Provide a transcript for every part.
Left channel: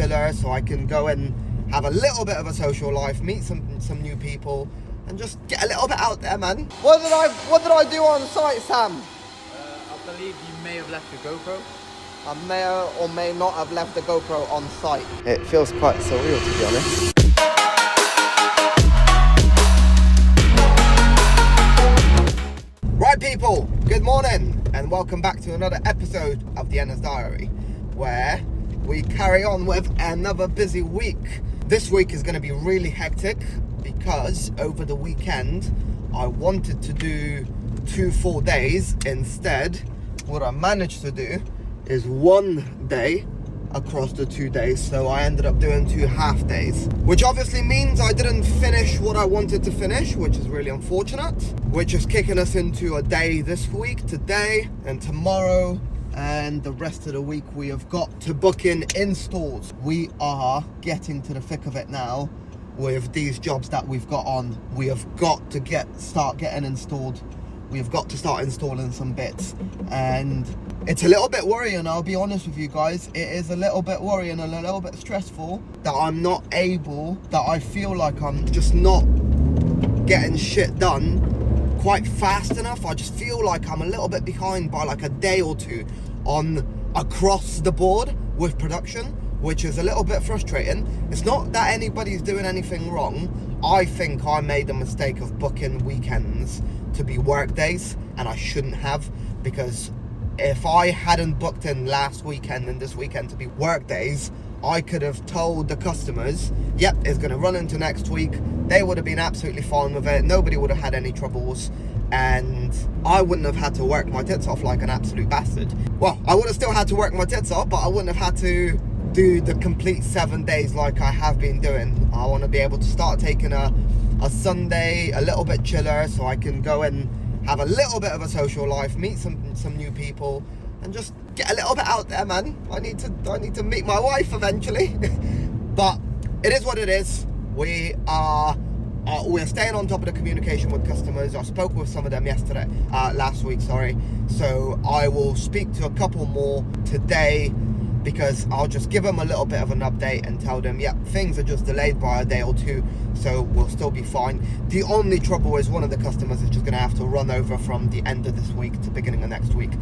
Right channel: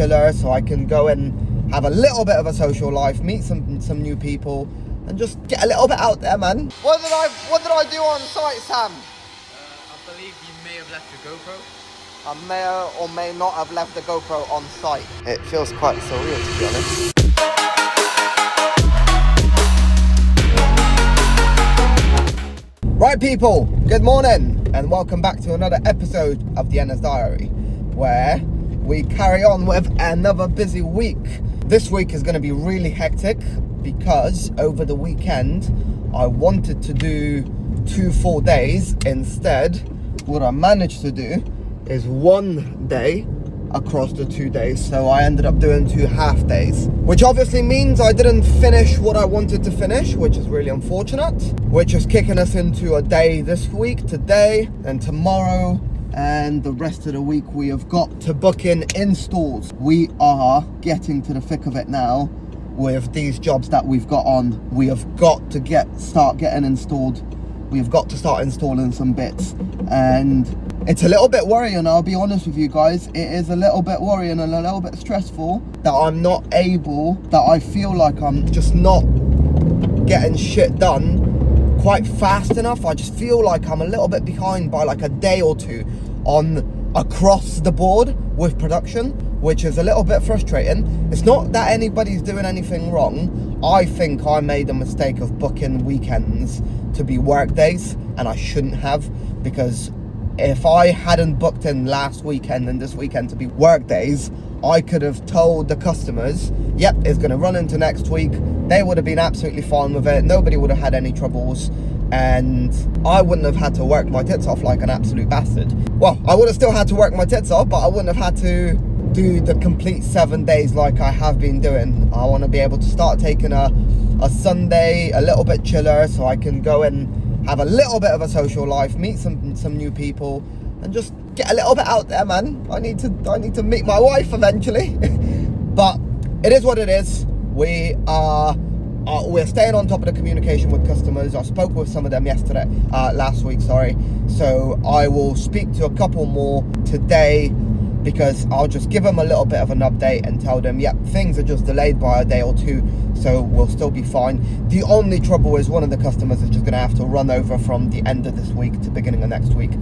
chiller, so I can go and have a little bit of a social life, meet some new people, and just get a little bit out there, man. What did I do on site, Sam? I believe you may have left the GoPro. I may or may not have left the GoPro on site. It feels quite surreal, to be honest. Right, people, good morning and welcome back to another episode of the Enna's Diary, where we carry on with another busy week. This week is going to be really hectic because over the weekend I wanted to do 2 full days. Instead, what I managed to do is 1 day across the 2 days, so I ended up doing 2 half days, which obviously means I didn't finish what I wanted to finish, which is really unfortunate, which is kicking us into a day this week, today and tomorrow, and the rest of the week we have got to book in installs. We are getting to the thick of it now with these jobs that we've got on. We have got to start getting installed. We've got to start installing some bits, and it's a little bit worrying, I'll be honest with you guys. It is a little bit worrying and a little bit stressful that I'm not able, that I feel like I'm just not getting shit done quite fast enough. I just feel like I'm a little bit behind by like a day or two on across the board with production, which is a little bit frustrating. It's not that anybody's doing anything wrong. I think I made a mistake of booking weekends to be work days, and I shouldn't have, because if I hadn't booked in last weekend and this weekend to be work days, I could have told the customers, yep, it's going to run into next week. They would have been absolutely fine with it. Nobody would have had any troubles, and I wouldn't have had to work my tits off like an absolute bastard. Well, I would have still had to work my tits off, but I wouldn't have had to do the complete 7 days like I have been doing. I want to be able to start taking a Sunday a little bit chiller, so I can go and have a little bit of a social life, meet some new people, and just get a little bit out there, man. I need to meet my wife eventually. But it is what it is. We're staying on top of the communication with customers. I spoke with some of them last week, sorry. So I will speak to a couple more today, because I'll just give them a little bit of an update and tell them, yep, things are just delayed by a day or two, so we'll still be fine. The only trouble is one of the customers is just going to have to run over from the end of this week to beginning of next week.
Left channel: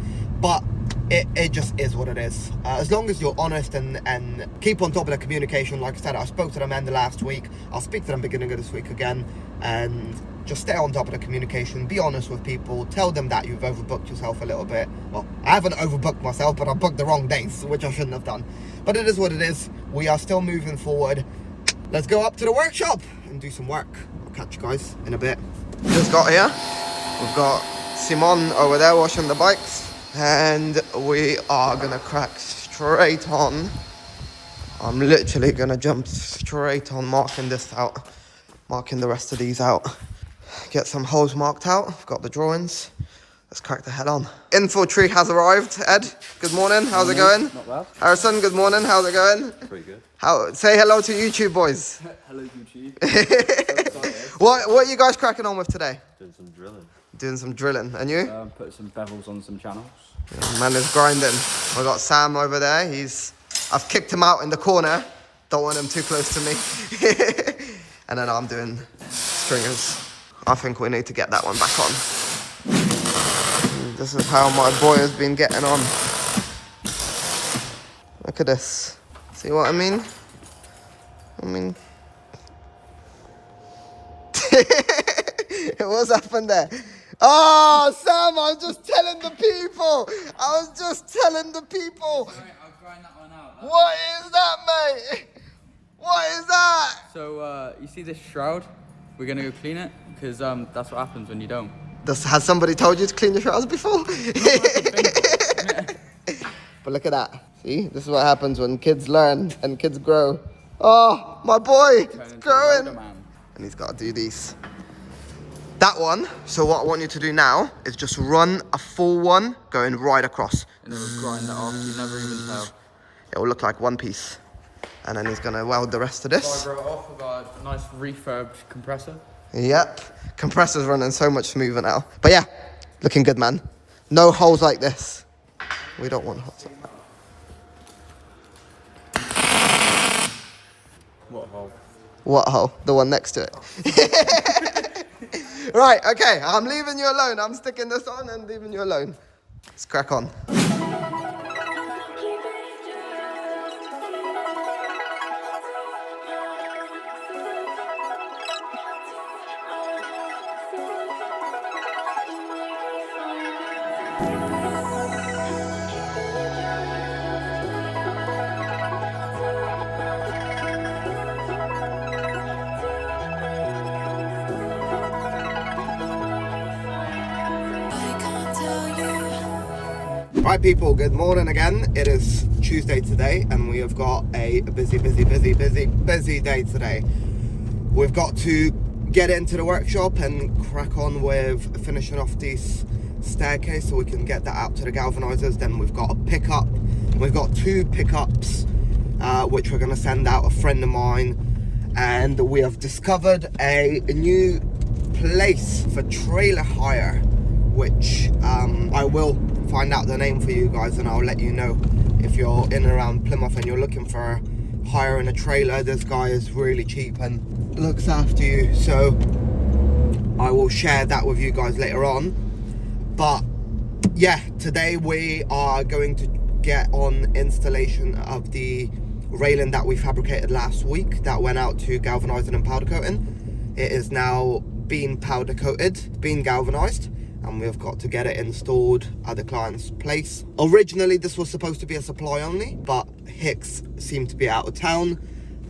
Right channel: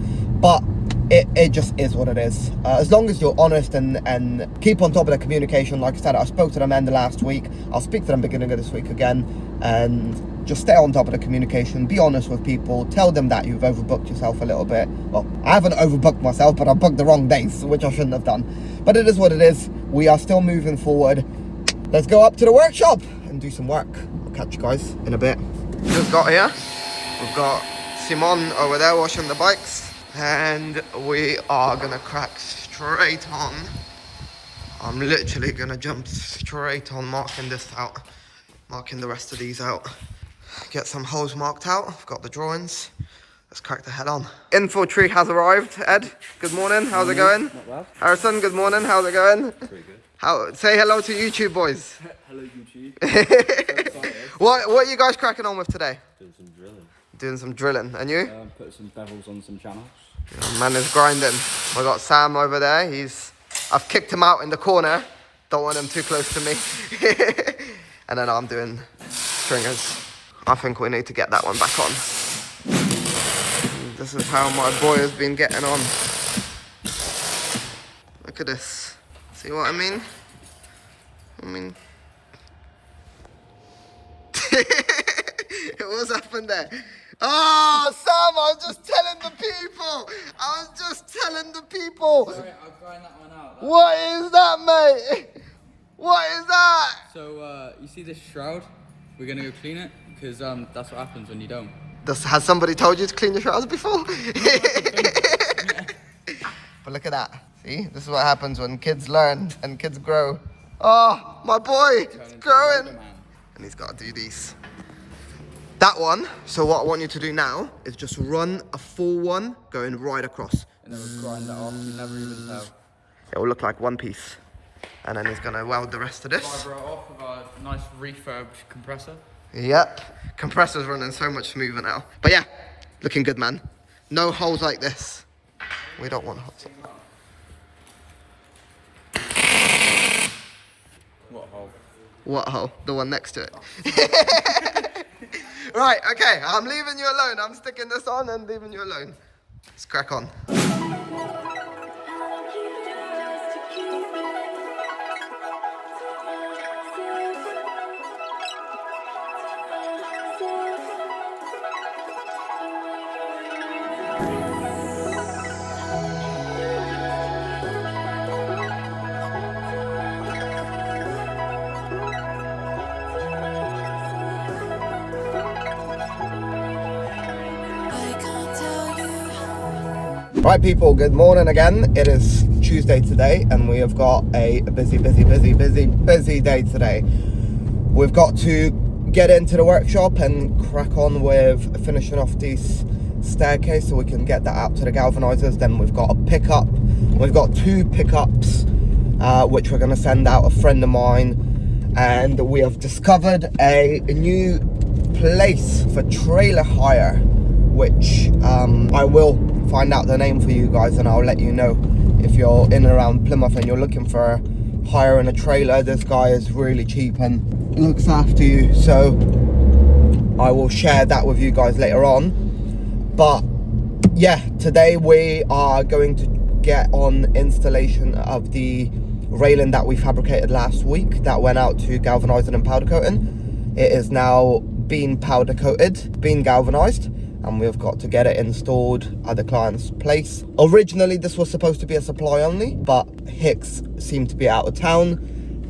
But it just is what it is. As long as you're honest and keep on top of the communication. Like I said, I spoke to them end of last week. I'll speak to them beginning of this week again, and just stay on top of the communication. Be honest with people. Tell them that you've overbooked yourself a little bit. Well, I haven't overbooked myself, but I booked the wrong days, which I shouldn't have done. But it is what it is. We are still moving forward. Let's go up to the workshop and do some work. I'll catch you guys in a bit. Just got here. We've got Simon over there washing the bikes, and we are gonna crack straight on. I'm literally gonna jump straight on marking this out, marking the rest of these out. Get some holes marked out. I've got the drawings. Let's crack the head on. Infill tree has arrived. Ed, good morning. How's it going? Not bad. Harrison, good morning. How's it going? Pretty good. Say hello to YouTube, boys. Hello, YouTube. What are you guys cracking on with today? Doing some drilling. Doing some drilling. And you? Put some bevels on some channels. Yeah, man is grinding. I got Sam over there. I've kicked him out in the corner. Don't want him too close to me. And then I'm doing stringers. I think we need to get that one back on. This is how my boy has been getting on. Look at this. See what I mean? What's happened there? Oh, Sam, I was just telling the people. Sorry, I'll grind that one out. What is that, mate? What is that? So, you see this shroud? We're going to go clean it, because that's what happens when you don't. Has somebody told you to clean your shrouds before? But look at that. See? This is what happens when kids learn and kids grow. Oh, my boy, it's growing. And he's got to do these. That one, so what I want you to do now is just run a full one going right across. And then we'll grind it off. You never even tell. It will look like one piece. And then he's going to weld the rest of this. Grind it off with a nice refurbed compressor. Yep. Compressor's running so much smoother now. But yeah, looking good, man. No holes like this. We don't want holes like that. What hole? The one next to it. Right, okay, I'm leaving you alone. I'm sticking this on and leaving you alone. Let's crack on. Right people, good morning again. It is Tuesday today and we have got a busy day today. We've got to get into the workshop and crack on with finishing off this staircase so we can get that out to the galvanizers. Then we've got a pickup. We've got 2 pickups which we're going to send out a friend of mine, and we have discovered a new place for trailer hire, which I will find out the name for you guys and I'll let you know. If you're in and around Plymouth and you're looking for hiring a trailer, this guy is really cheap and looks after you, so I will share that with you guys later on. But yeah, today we are going to get on installation of the railing that we fabricated last week that went out to galvanizing and powder coating. It is now being powder coated, being galvanized, and we've got to get it installed at the client's place. Originally this was supposed to be a supply only, but Hicks seemed to be out of town,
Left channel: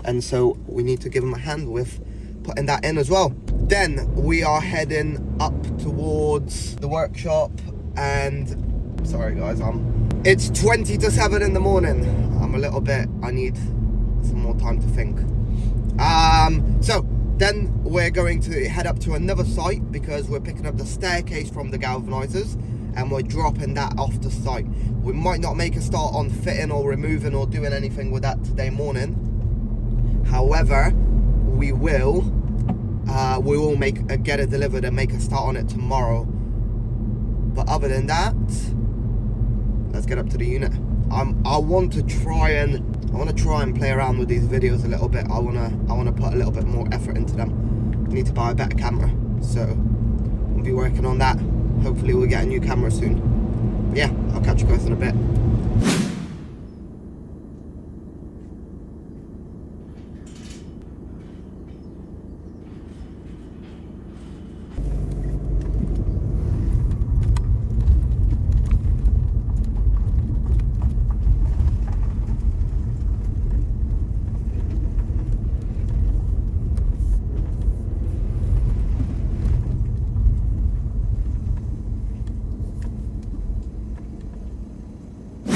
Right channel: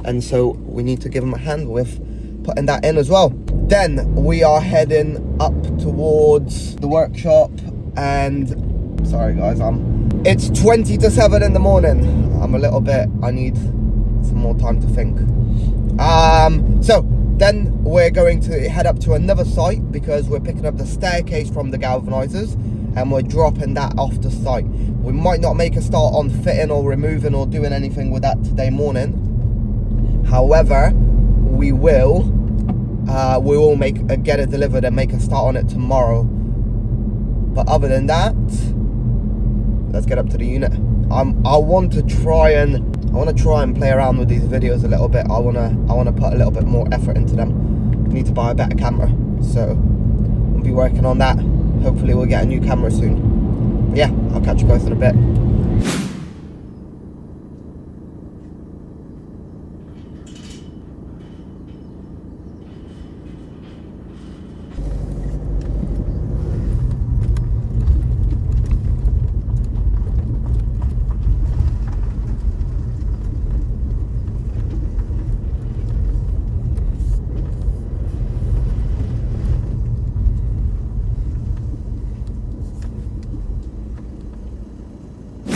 and so we need to give him a hand with putting that in as well. Then we are heading up towards the workshop, and sorry guys, it's 20 to 7 in the morning. I need some more time to think. So then we're going to head up to another site because we're picking up the staircase from the galvanizers and we're dropping that off the site. We might not make a start on fitting or removing or doing anything with that today morning. However, we will get it delivered and make a start on it tomorrow. But other than that, let's get up to the unit. I want to try and play around with these videos a little bit. I want to put a little bit more effort into them. I need to buy a better camera, so we'll be working on that. Hopefully we'll get a new camera soon. But yeah, I'll catch you guys in a bit.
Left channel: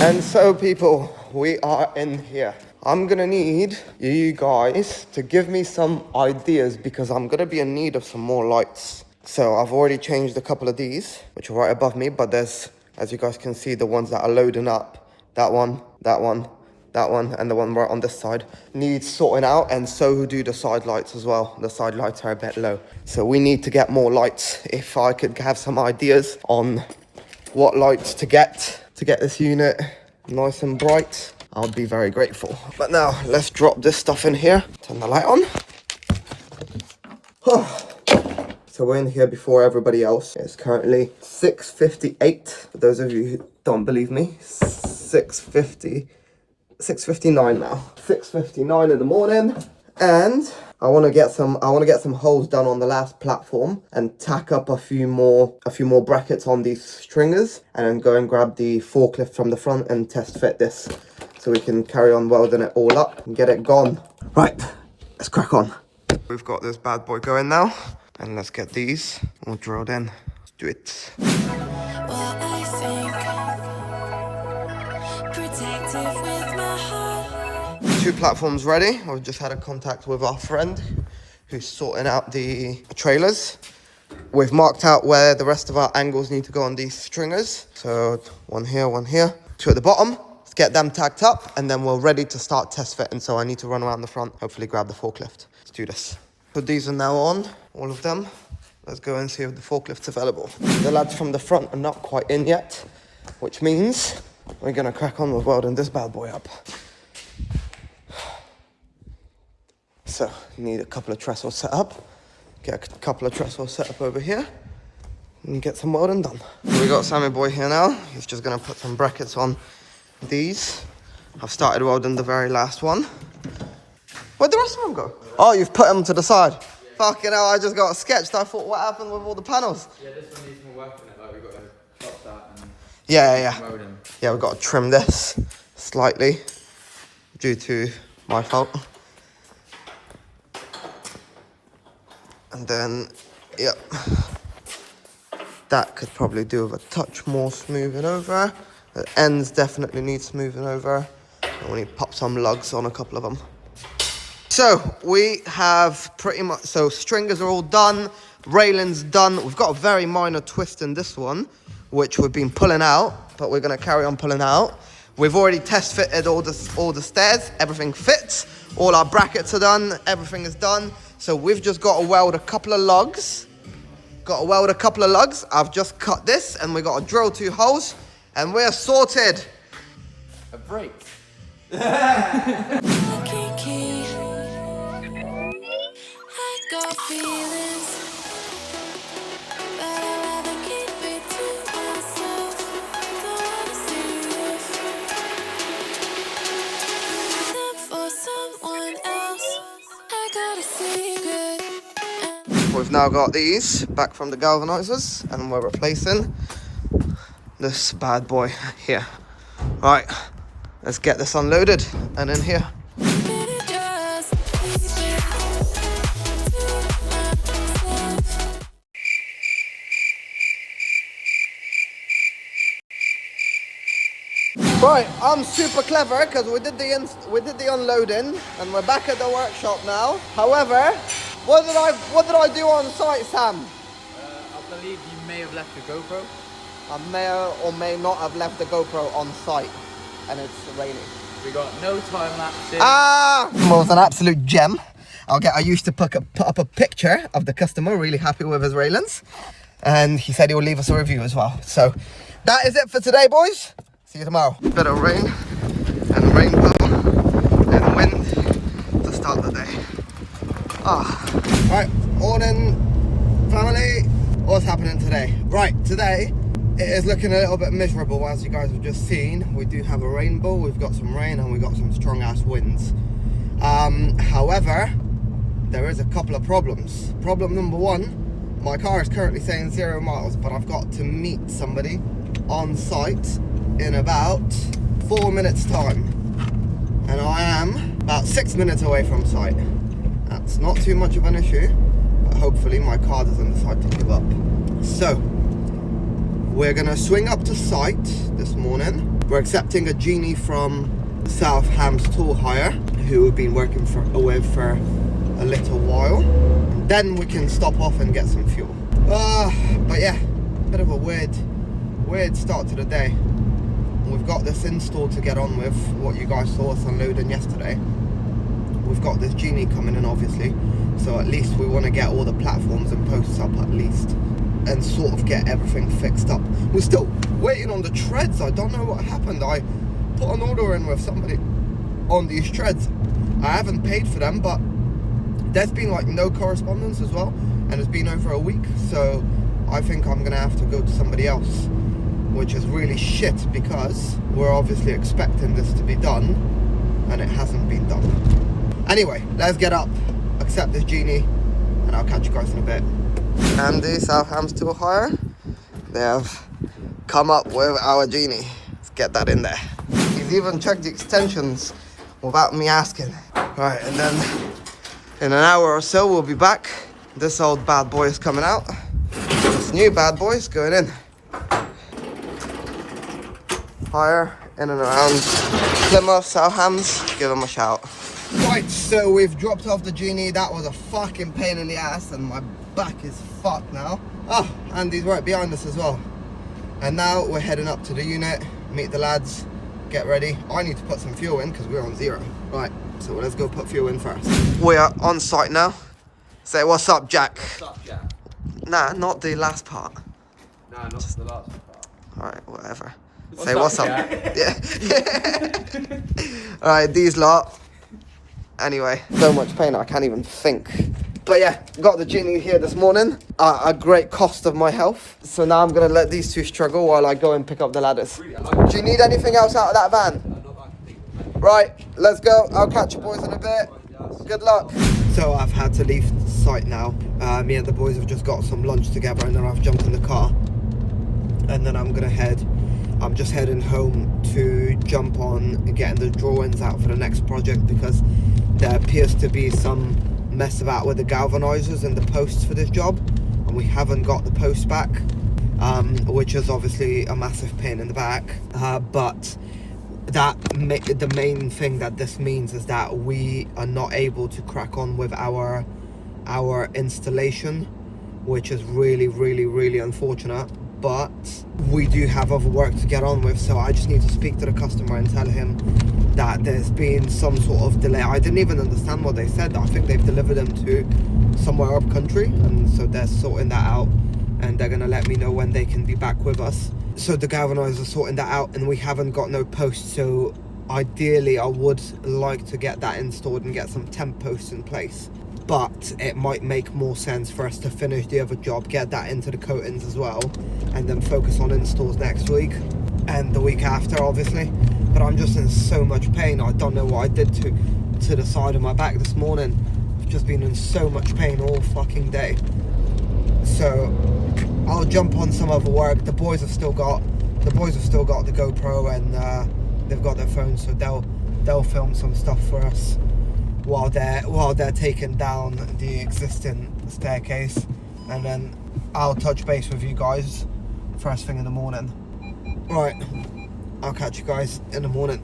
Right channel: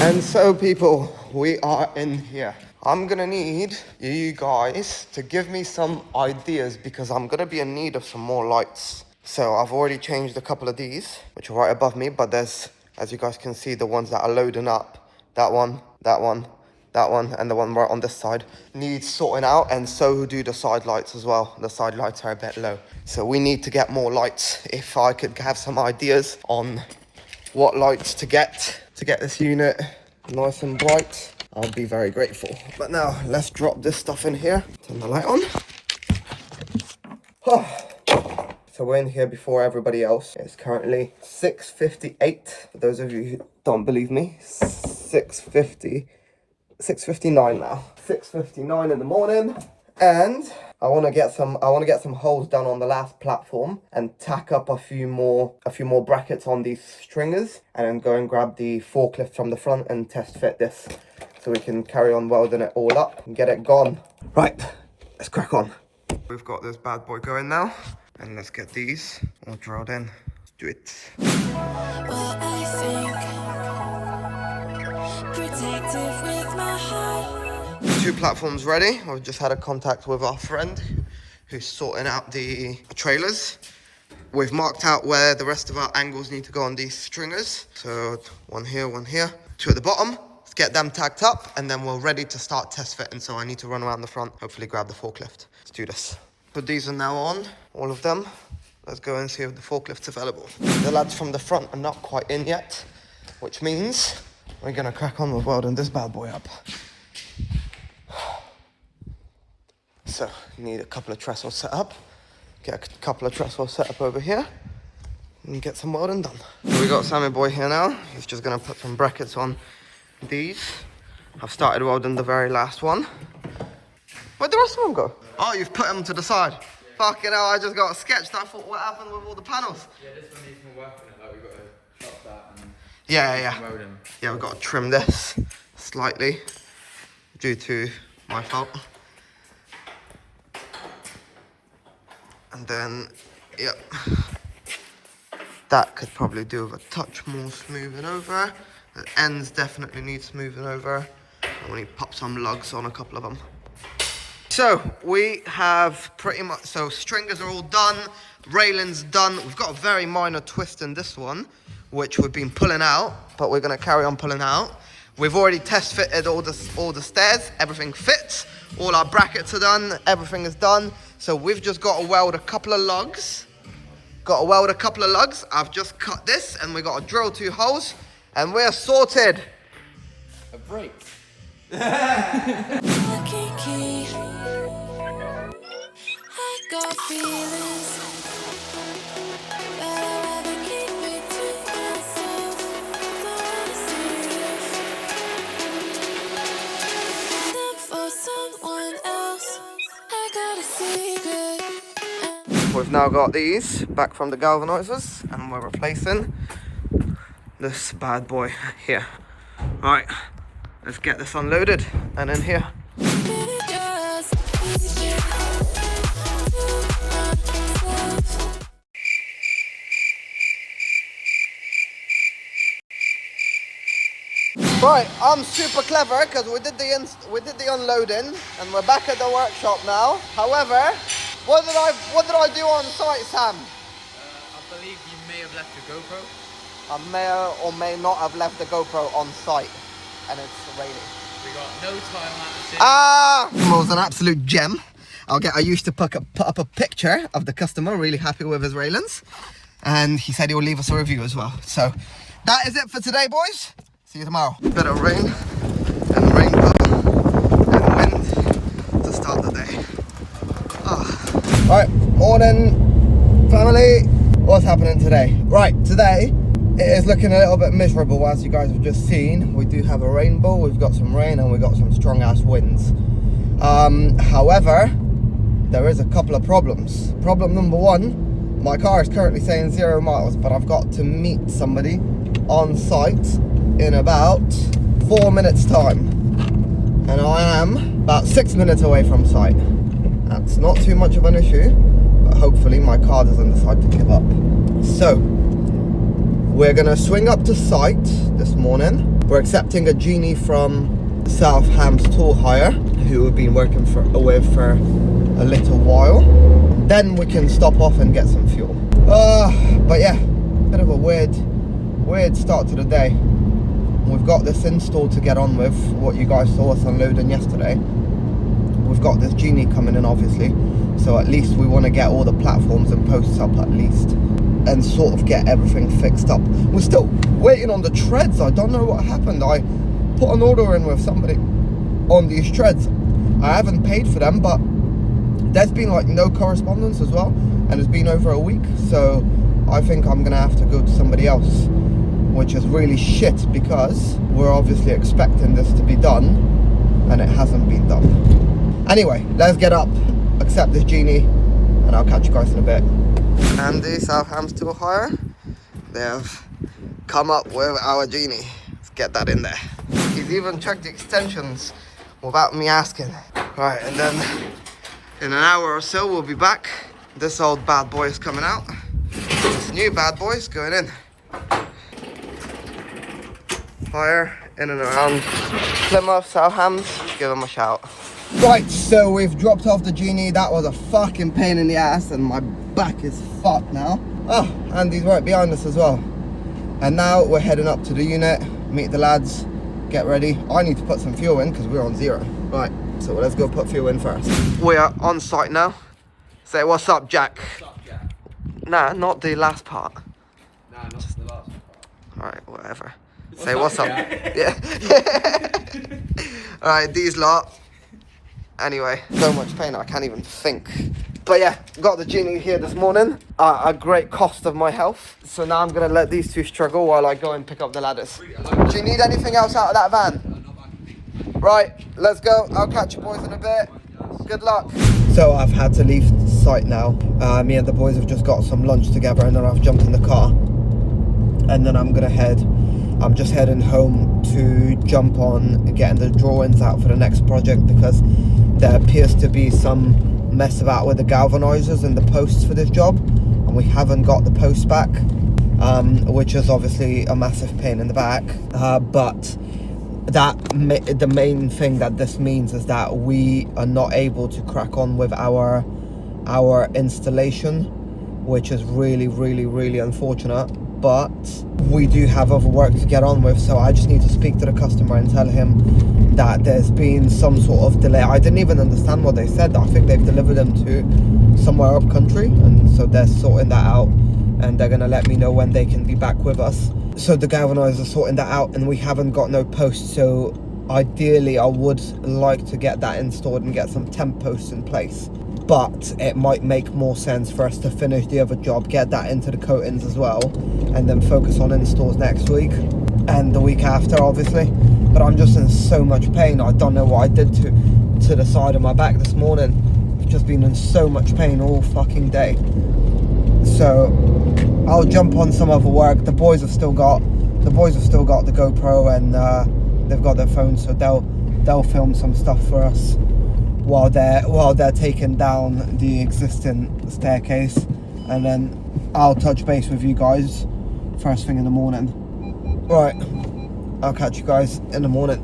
And so people, we are in here. I'm gonna need you guys to give me some ideas because I'm gonna be in need of some more lights. So I've already changed a couple of these, which are right above me, but there's, as you guys can see, the ones that are loading up. That one, and the one right on this side needs sorting out, and so do the side lights as well. The side lights are a bit low. So we need to get more lights. If I could have some ideas on what lights to get this unit nice and bright, I'll be very grateful. But now let's drop this stuff in here. Turn the light on. So we're in here before everybody else. It's currently 6:58. For those of you who don't believe me, 6:59 now. 6:59 in the morning, and I want to get some holes done on the last platform and tack up a few more brackets on these stringers, and then go and grab the forklift from the front and test fit this so we can carry on welding it all up and get it gone. Right, let's crack on. We've got this bad boy going now, and let's get these all drilled in. Let's do it. Well, I think protective with my heart. 2 platforms ready. We've just had a contact with our friend who's sorting out the trailers. We've marked out where the rest of our angles need to go on these stringers. So one here, 2 at the bottom. Let's get them tacked up and then we're ready to start test fitting. So I need to run around the front, hopefully grab the forklift. Let's do this. So these are now on, all of them. Let's go and see if the forklift's available. The lads from the front are not quite in yet, which means we're gonna crack on with welding this bad boy up. So need a couple of trestles set up. Get a couple of trestles set up over here and get some welding done. So we got Sammy boy here now. He's just gonna put some brackets on these. I've started welding the very last one. Where'd the rest of them go? Oh, you've put them to the side. Fucking hell, I just got a sketch. I thought, what happened with all the panels? Yeah, this one needs more work on it. Like, we've got to chop that and Yeah. weld them. Yeah, we've got to trim this slightly due to my fault. And then, yep. That could probably do with a touch more smoothing over. The ends definitely need smoothing over. And we need to pop some lugs on a couple of them. So we have pretty much, so stringers are all done, railings done. We've got a very minor twist in this one, which we've been pulling out, but we're gonna carry on pulling out. We've already test fitted all the stairs, everything fits. All our brackets are done, everything is done. So we've just got to weld a couple of lugs. I've just cut this and we got to drill 2 holes and we're sorted. A break. Looking key. I got feelings, but I'd rather keep it to myself. Don't wanna see them for someone else. I got a secret. We've now got these back from the galvanizers and we're replacing this bad boy here. Right, let's get this unloaded and in here. Just keep it to myself. Right, I'm super clever because we did the unloading and we're back at the workshop now. However, what did I do on site, Sam? I believe you may have left the GoPro. I may or may not have left the GoPro on site and it's raining. We got no time lapse. Well, was an absolute gem. I used to put up a picture of the customer really happy with his railings and he said he will leave us a review as well. So that is it for today, boys. See you tomorrow. Bit of rain and rainbow and wind to start the day. Alright, morning family. What's happening today? Right, today it is looking a little bit miserable as you guys have just seen. We do have a rainbow, we've got some rain and we've got some strong ass winds. However, there is a couple of problems. Problem number one, my car is currently saying 0 miles, but I've got to meet somebody on site in about 4 minutes time. And I am about 6 minutes away from site. That's not too much of an issue, but hopefully my car doesn't decide to give up. So, we're gonna swing up to site this morning. We're accepting a genie from South Ham's Tool Hire, who we've been working with for a little while. And then we can stop off and get some fuel. But yeah, bit of a weird start to the day. We've got this install to get on with, what you guys saw us unloading yesterday. We've got this genie coming in obviously, so at least we want to get all the platforms and posts up at least and sort of get everything fixed up. We're still waiting on the treads. I don't know what happened. I put an order in with somebody on these treads. I haven't paid for them, but there's been like no correspondence as well, and it's been over a week, so I think I'm gonna have to go to somebody else, which is really shit because we're obviously expecting this to be done and it hasn't been done. Anyway, let's get up, accept this genie, and I'll catch you guys in a bit. Andy, South Ham's Tool Hire, they have come up with our genie. Let's get that in there. He's even checked the extensions without me asking. Right, and then in an hour or so we'll be back. This old bad boy is coming out. This new bad boy is going in. Hire in and around Plymouth, South Hams, give him a shout. Right, so we've dropped off the genie. That was a fucking pain in the ass and my back is fucked now. Oh, Andy's right behind us as well. And now we're heading up to the unit, meet the lads, get ready. I need to put some fuel in because we're on 0. Right, so let's go put fuel in first. We are on site now. Say what's up, Jack. What's up, Jack? Nah, not the last part. Nah, not the last part. Alright, whatever. What's Say up, what's up. Jack? Yeah. Alright, these lot. Anyway, so much pain I can't even think. But yeah, got the genie here this morning at a great cost of my health. So now I'm gonna let these two struggle while I go and pick up the ladders. Do you need anything else out of that van? Right, let's go. I'll catch you boys in a bit. Good luck. So I've had to leave site now. Me and the boys have just got some lunch together and then I've jumped in the car. And then I'm just heading home to jump on getting the drawings out for the next project, because there appears to be some mess about with the galvanizers and the posts for this job, and we haven't got the posts back, which is obviously a massive pain in the back. But the main thing that this means is that we are not able to crack on with our installation, which is really, really, really unfortunate. But we do have other work to get on with, so I just need to speak to the customer and tell him that there's been some sort of delay. I didn't even understand what they said. I think they've delivered them to somewhere up country, and so they're sorting that out, and they're gonna let me know when they can be back with us. So the galvanizers are sorting that out, and we haven't got no posts, so ideally I would like to get that installed and get some temp posts in place. But it might make more sense for us to finish the other job, get that into the coatings as well, and then focus on installs next week and the week after, obviously. But I'm just in so much pain. I don't know what I did to the side of my back this morning. I've just been in so much pain all fucking day. So I'll jump on some other work. The boys have still got the GoPro, and they've got their phones, so they'll film some stuff for us while they're taking down the existing staircase, and then I'll touch base with you guys first thing in the morning. Right, I'll catch you guys in the morning.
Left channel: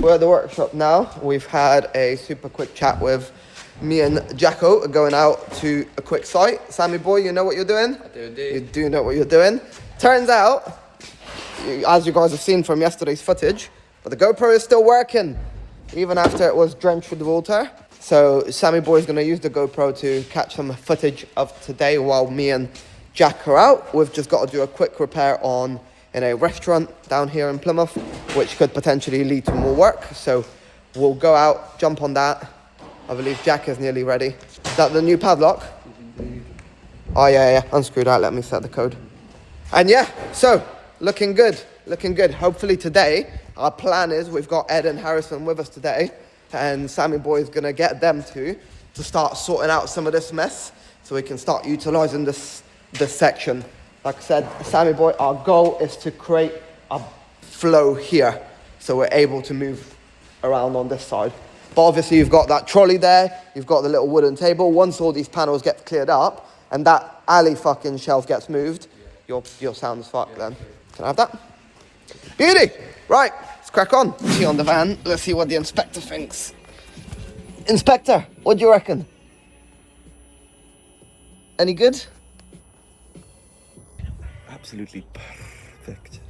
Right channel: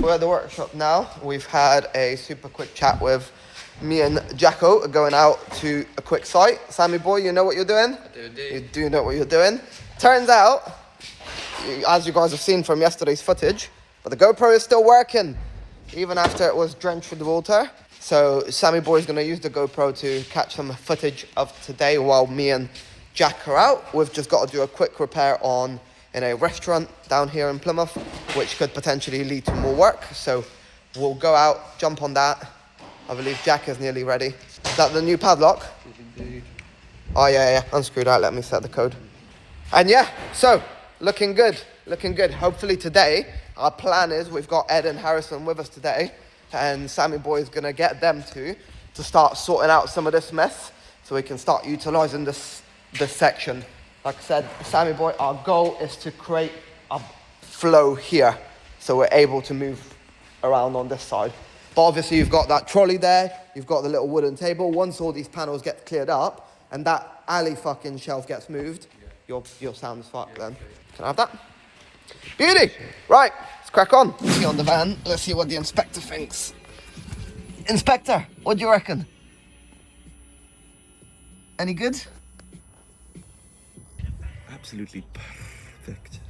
We're at the workshop now. We've had a super quick chat with me and Jacko, going out to a quick site. Sammy boy, you know what you're doing? I do indeed. You do know what you're doing. Turns out, as you guys have seen from yesterday's footage, but the GoPro is still working, even after it was drenched with water. So Sammy boy is going to use the GoPro to catch some footage of today while me and Jack are out. We've just got to do a quick repair in a restaurant down here in Plymouth, which could potentially lead to more work. So we'll go out, jump on that. I believe Jack is nearly ready. Is that the new padlock? Indeed. Oh yeah, unscrew that, let me set the code. And yeah, so, looking good. Hopefully today, our plan is we've got Ed and Harrison with us today, and Sammy boy is gonna get them to start sorting out some of this mess, so we can start utilizing this section. Like I said, Sammy boy, our goal is to create a flow here, so we're able to move around on this side. But obviously you've got that trolley there, you've got the little wooden table. Once all these panels get cleared up and that alley fucking shelf gets moved, you're sound as fuck then. Can I have that? Beauty! Right, let's crack on. See on the van, let's see what the inspector thinks. Inspector, what do you reckon? Any good? Absolutely perfect.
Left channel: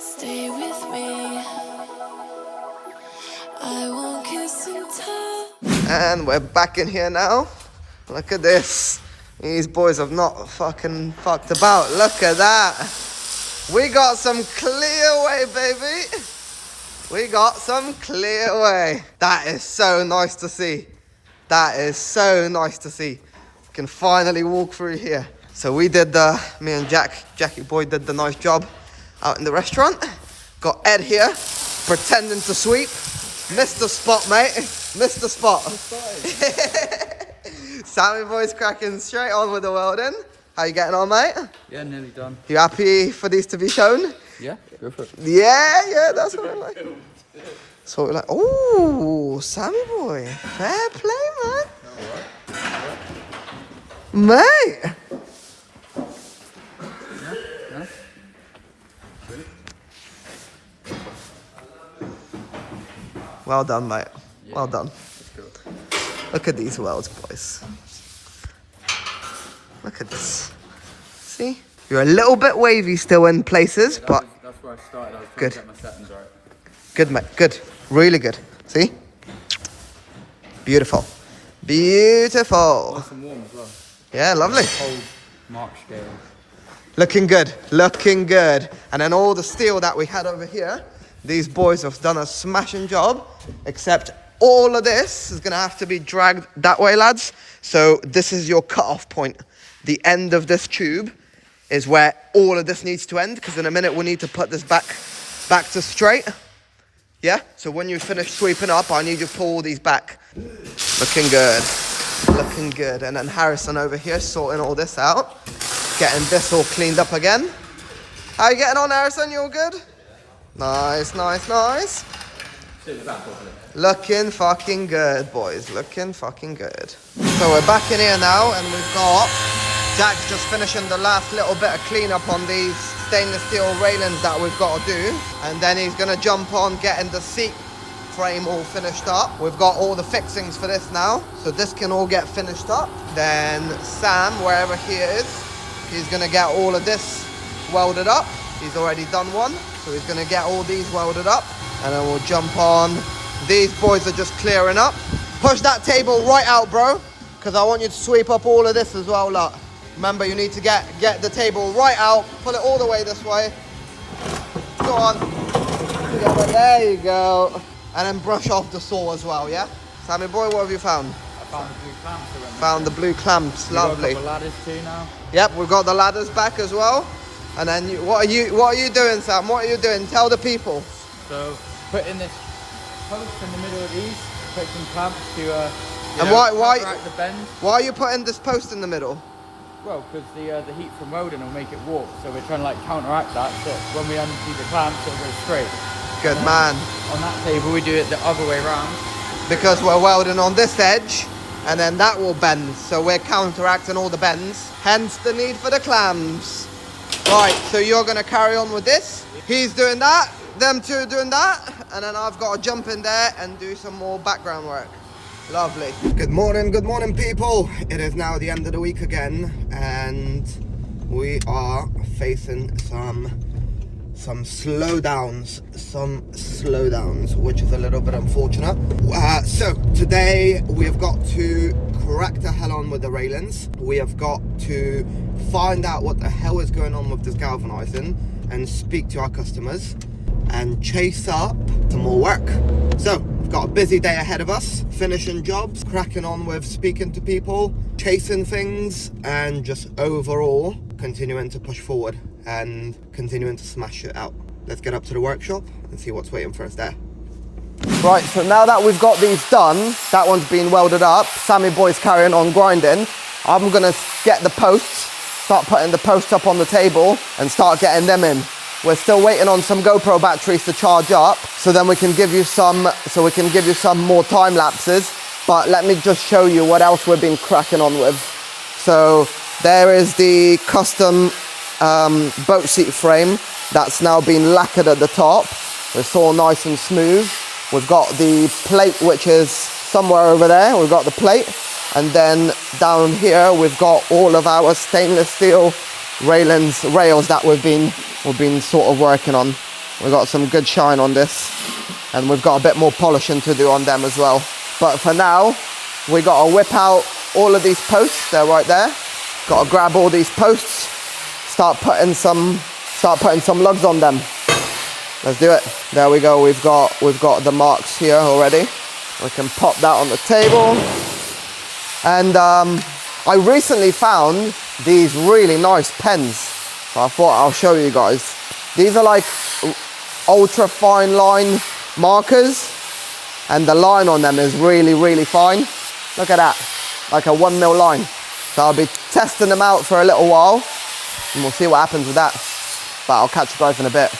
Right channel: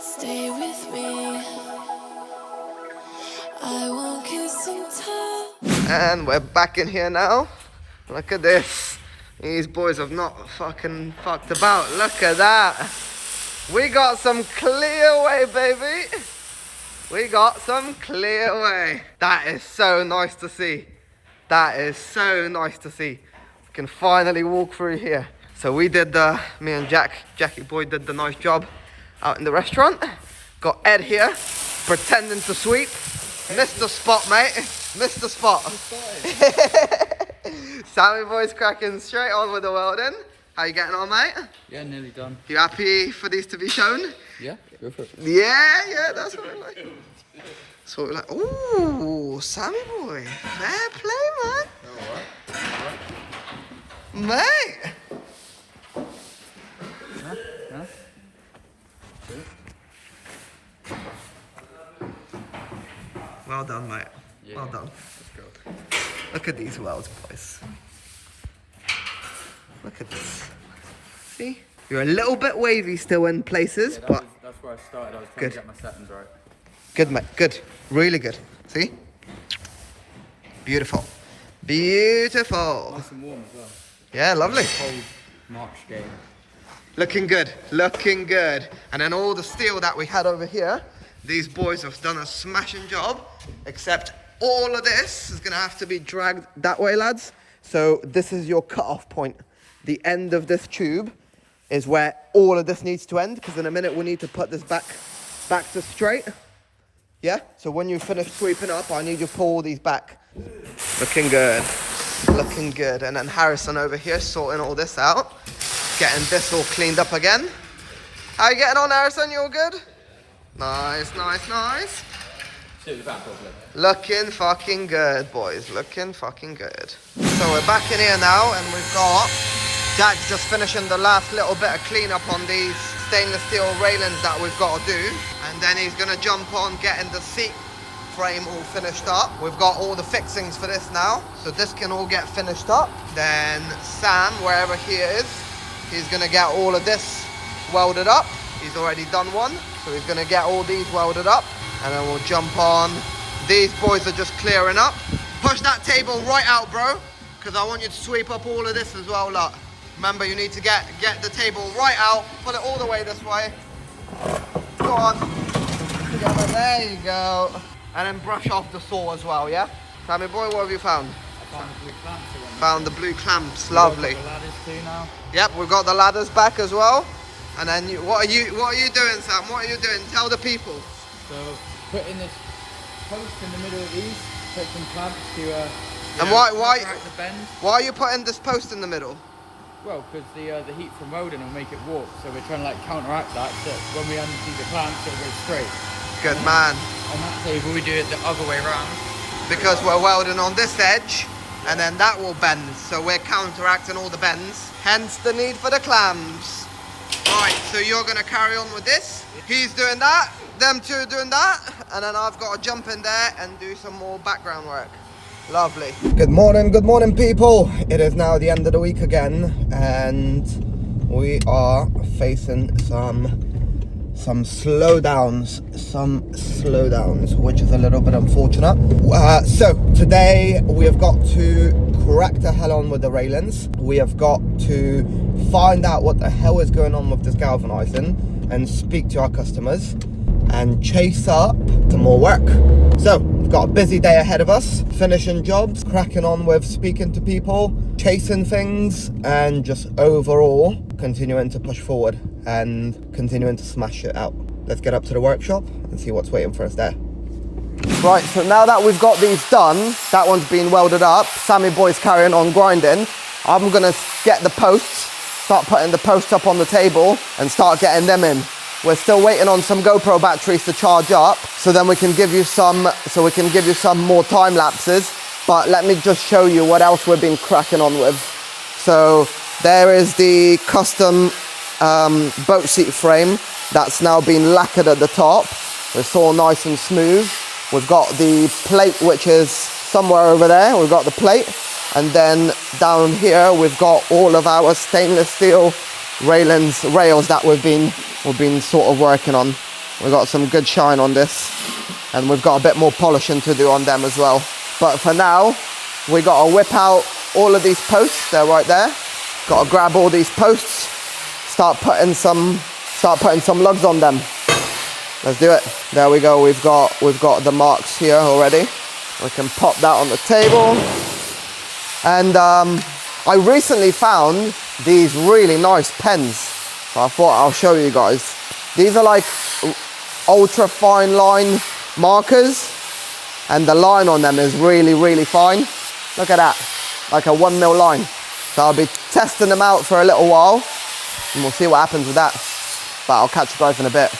Stay with me. I won't kiss and tell. And we're back in here now. Look at this. These boys have not fucking fucked about. Look at that. We got some clear way, baby. We got some clear way. That is so nice to see. That is so nice to see. We can finally walk through here. So we did me and Jackie boy did the nice job out in the restaurant. Got Ed here, pretending to sweep. Missed the spot, mate. Missed the spot. Sammy boy's cracking straight on with the welding. How you getting on, mate? Yeah, nearly done. You happy for these to be shown? Yeah, go for it. Yeah, that's what I like. So we're like, ooh, Sammy boy, fair play, man. Mate. Yeah? Well done, mate. Yeah. Well done. Let's go. Look at these welds, boys. Look at this. See? You're a little bit wavy still in places, but That's where I started. I was trying good. to get my settings right. Good, mate. Good. Really good. See? Beautiful. Beautiful. Nice and warm as well. Yeah, lovely. Cold March day. Looking good. Looking good. And then all the steel that we had over here, these boys have done a smashing job, except all of this is going to have to be dragged that way, lads. So this is your cut-off point. The end of this tube is where all of this needs to end, because in a minute we need to put this back to straight. Yeah? So when you finish sweeping up, I need you to pull all these back. Looking good. Looking good. And then Harrison over here sorting all this out. Getting this all cleaned up again. How you getting on, Harrison? You all good? Nice, nice, nice. Looking fucking good, boys. Looking fucking good. So we're back in here now, and we've got Jack's just finishing the last little bit of cleanup on these stainless steel railings that we've got to do. And then he's going to jump on getting the seat frame all finished up. We've got all the fixings for this now, so this can all get finished up. Then Sam, wherever he is, he's going to get all of this welded up. He's already done one, so he's going to get all these welded up, and then we'll jump on. These boys are just clearing up. Push that table right out, bro, because I want you to sweep up all of this as well, look. Remember, you need to get the table right out, pull it all the way this way. Go on. Yeah, there you go. And then brush off the saw as well, yeah? Sammy boy, what have you found? I found the blue clamps. Found the blue clamps, lovely. We've got the ladders too now. Yep, we've got the ladders back as well. And then what are you doing, Sam? What are you doing? Tell the people. So putting this post in the middle of these, put some clamps to And why the bend. why are you putting this post in the middle? Well, because the heat from welding will make it warp, so we're trying to like counteract that. So when we undo the clamps, it'll go straight. Good man. On that table, we do it the other way around. Because we're welding on this edge, and then that will bend. So we're counteracting all the bends. Hence the need for the clamps. Right, so you're gonna carry on with this. He's doing that, them two are doing that, and then I've got to jump in there and do some more background work. Lovely. Good morning, people. It is now the end of the week again, and we are facing some slowdowns, which is a little bit unfortunate. So today we have got to crack the hell on with the railings. We have got to find out what the hell is going on with this galvanizing and speak to our customers and chase up some more work. So we've got a busy day ahead of us, finishing jobs, cracking on with speaking to people, chasing things, and just overall continuing to push forward and continuing to smash it out. Let's get up to the workshop and see what's waiting for us there. Right, so now that we've got these done, that one's been welded up, Sammy boy's carrying on grinding. I'm gonna get the posts, start putting the posts up on the table and start getting them in. We're still waiting on some GoPro batteries to charge up, so then we can give you some more time lapses. But let me just show you what else we've been cracking on with. So there is the custom boat seat frame that's now been lacquered at the top. It's all nice and smooth. We've got the plate, which is somewhere over there. We've got the plate, and then down here we've got all of our stainless steel rails that we've been sort of working on. We've got some good shine on this, and we've got a bit more polishing to do on them as well. But for now, we got to whip out all of these posts. They're right there. Got to grab all these posts, start putting some lugs on them. Let's do it. There we go. We've got the marks here already. We can pop that on the table. And I recently found these really nice pens. So I thought I'll show you guys. These are like ultra fine line markers, and the line on them is really, really fine. Look at that, like a 1mm line. So I'll be testing them out for a little while, and we'll see what happens with that. But I'll catch you guys in a bit.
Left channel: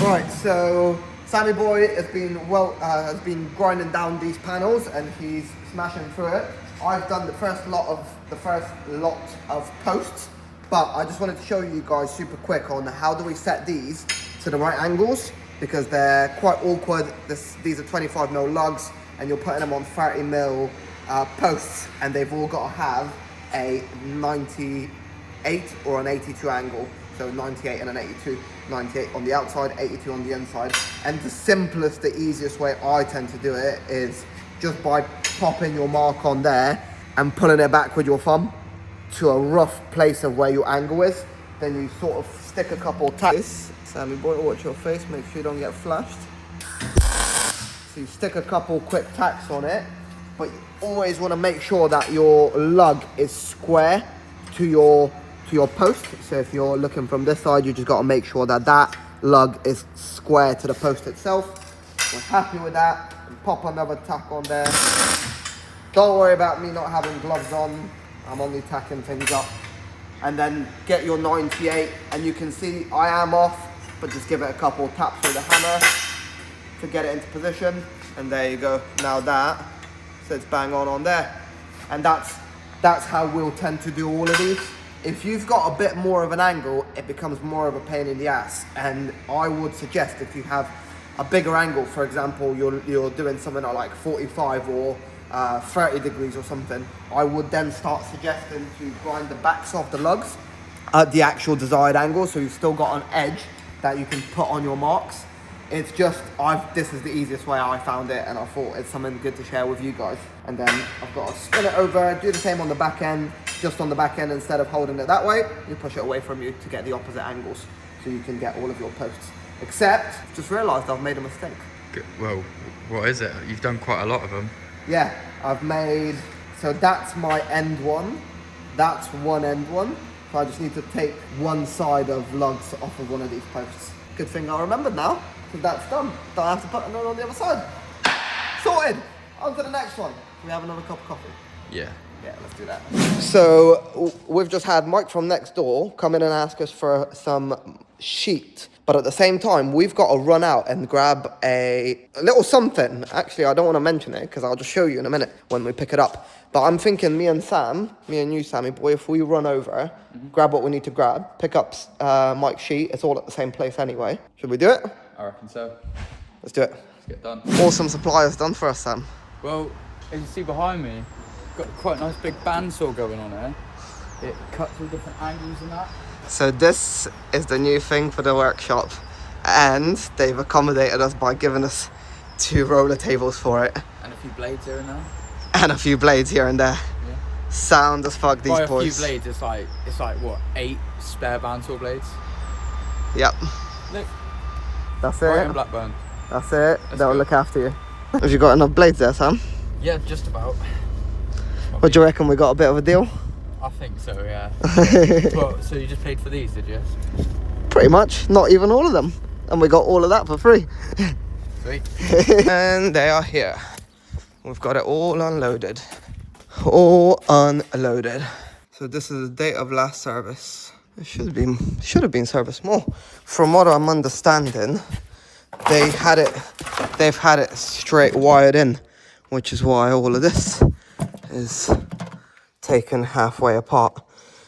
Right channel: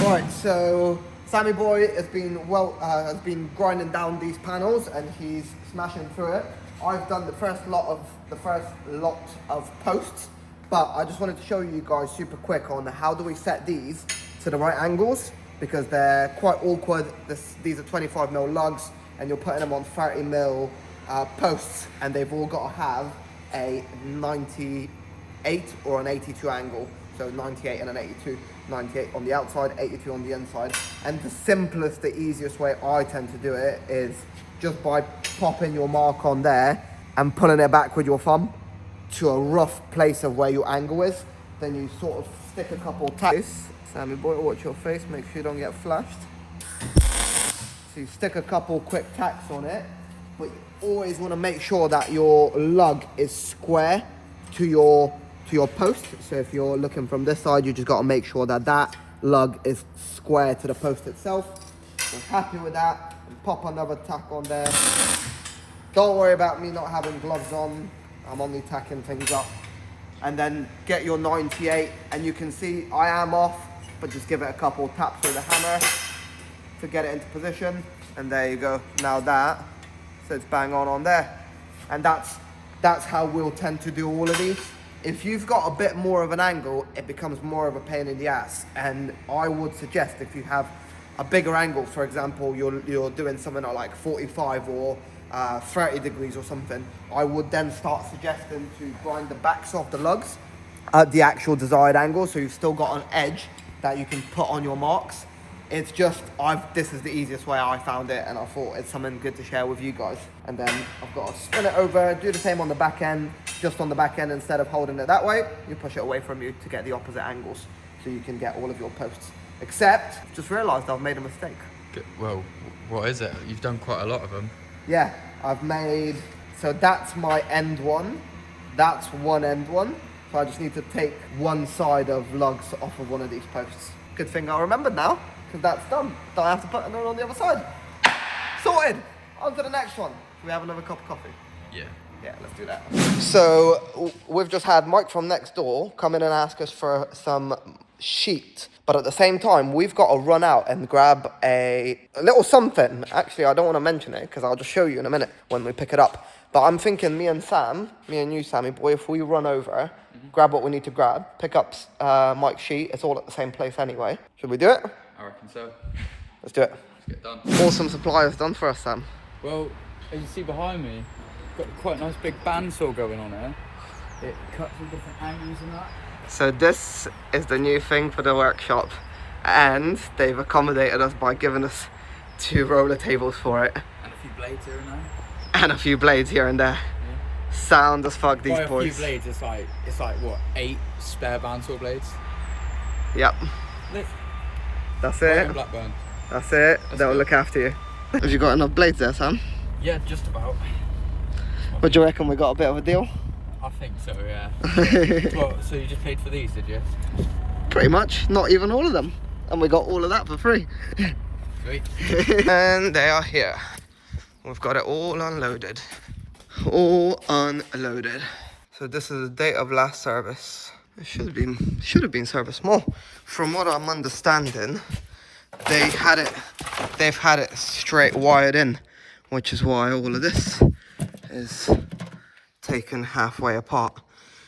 Right, so Sammy boy has been grinding down these panels, and he's smashing through it. I've done the first lot of posts, but I just wanted to show you guys super quick on how do we set these to the right angles, because they're quite awkward. These are 25mm lugs, and you're putting them on 30mm posts, and they've all got to have a 90 98 or an 82 angle. So 98 and an 82, 98 on the outside, 82 on the inside. And the simplest, the easiest way I tend to do it is just by popping your mark on there and pulling it back with your thumb to a rough place of where your angle is. Then you sort of stick a couple tacks. Sammy boy, watch your face, make sure you don't get flashed. So you stick a couple quick tacks on it, but you always want to make sure that your lug is square to your post. So if you're looking from this side, you just got to make sure that that lug is square to the post itself. We're happy with that, and pop another tack on there. Don't worry about me not having gloves on. I'm only tacking things up. And then get your 98, and you can see I am off, but just give it a couple taps with the hammer to get it into position. And there you go. Now that sits bang on there. And that's how we'll tend to do all of these. If you've got a bit more of an angle, it becomes more of a pain in the ass. And I would suggest if you have a bigger angle, for example, you're doing something at like 45 or 30 degrees or something, I would then start suggesting to grind the backs of the lugs at the actual desired angle, so you've still got an edge that you can put on your marks. It's just, this is the easiest way I found it, and I thought it's something good to share with you guys. And then I've got to spin it over, do the same on the back end. Just on the back end, instead of holding it that way, you push it away from you to get the opposite angles, so you can get all of your posts. Except, just realised I've made a mistake. Well, what is it? You've done quite a lot of them. Yeah, I've made, so that's my end one. That's one end one. So I just need to take one side of lugs off of one of these posts. Good thing I remembered now, because that's done. Don't have to put another on the other side. Sorted. On to the next one. Do we have another cup of coffee? Yeah. Yeah, let's do that. So we've just had Mike from next door come in and ask us for some sheet. But at the same time, we've got to run out and grab a little something. Actually, I don't want to mention it because I'll just show you in a minute when we pick it up. But I'm thinking me and you, Sammy boy, if we run over, grab what we need to grab, pick up Mike's sheet. It's all at the same place anyway. Should we do it? I reckon so. Let's do it. Let's get done. Awesome suppliers done for us, Sam. Well, as you see behind me, got quite a nice big bandsaw going on here. It cuts all different angles and that. So this is the new thing for the workshop, and they've accommodated us by giving us 2 roller tables for it. And a few blades here and there. And a few blades here and there. Yeah. Sound as fuck, these By boys. a few blades, it's like what, 8 spare bandsaw blades? Yep. Look. That's Right it. in Blackburn. That's it. They'll look after you. Have you got enough blades there, Sam? Yeah, just about. What do you reckon? We got a bit of a deal? I think so, yeah. Well, so you just paid for these, did you? Pretty much. Not even all of them. And we got all of that for free. Sweet. And they are here. We've got it all unloaded. All unloaded. So this is the date of last service. It should have been serviced more. From what I'm understanding, they've had it straight wired in, which is why all of this is taken halfway apart.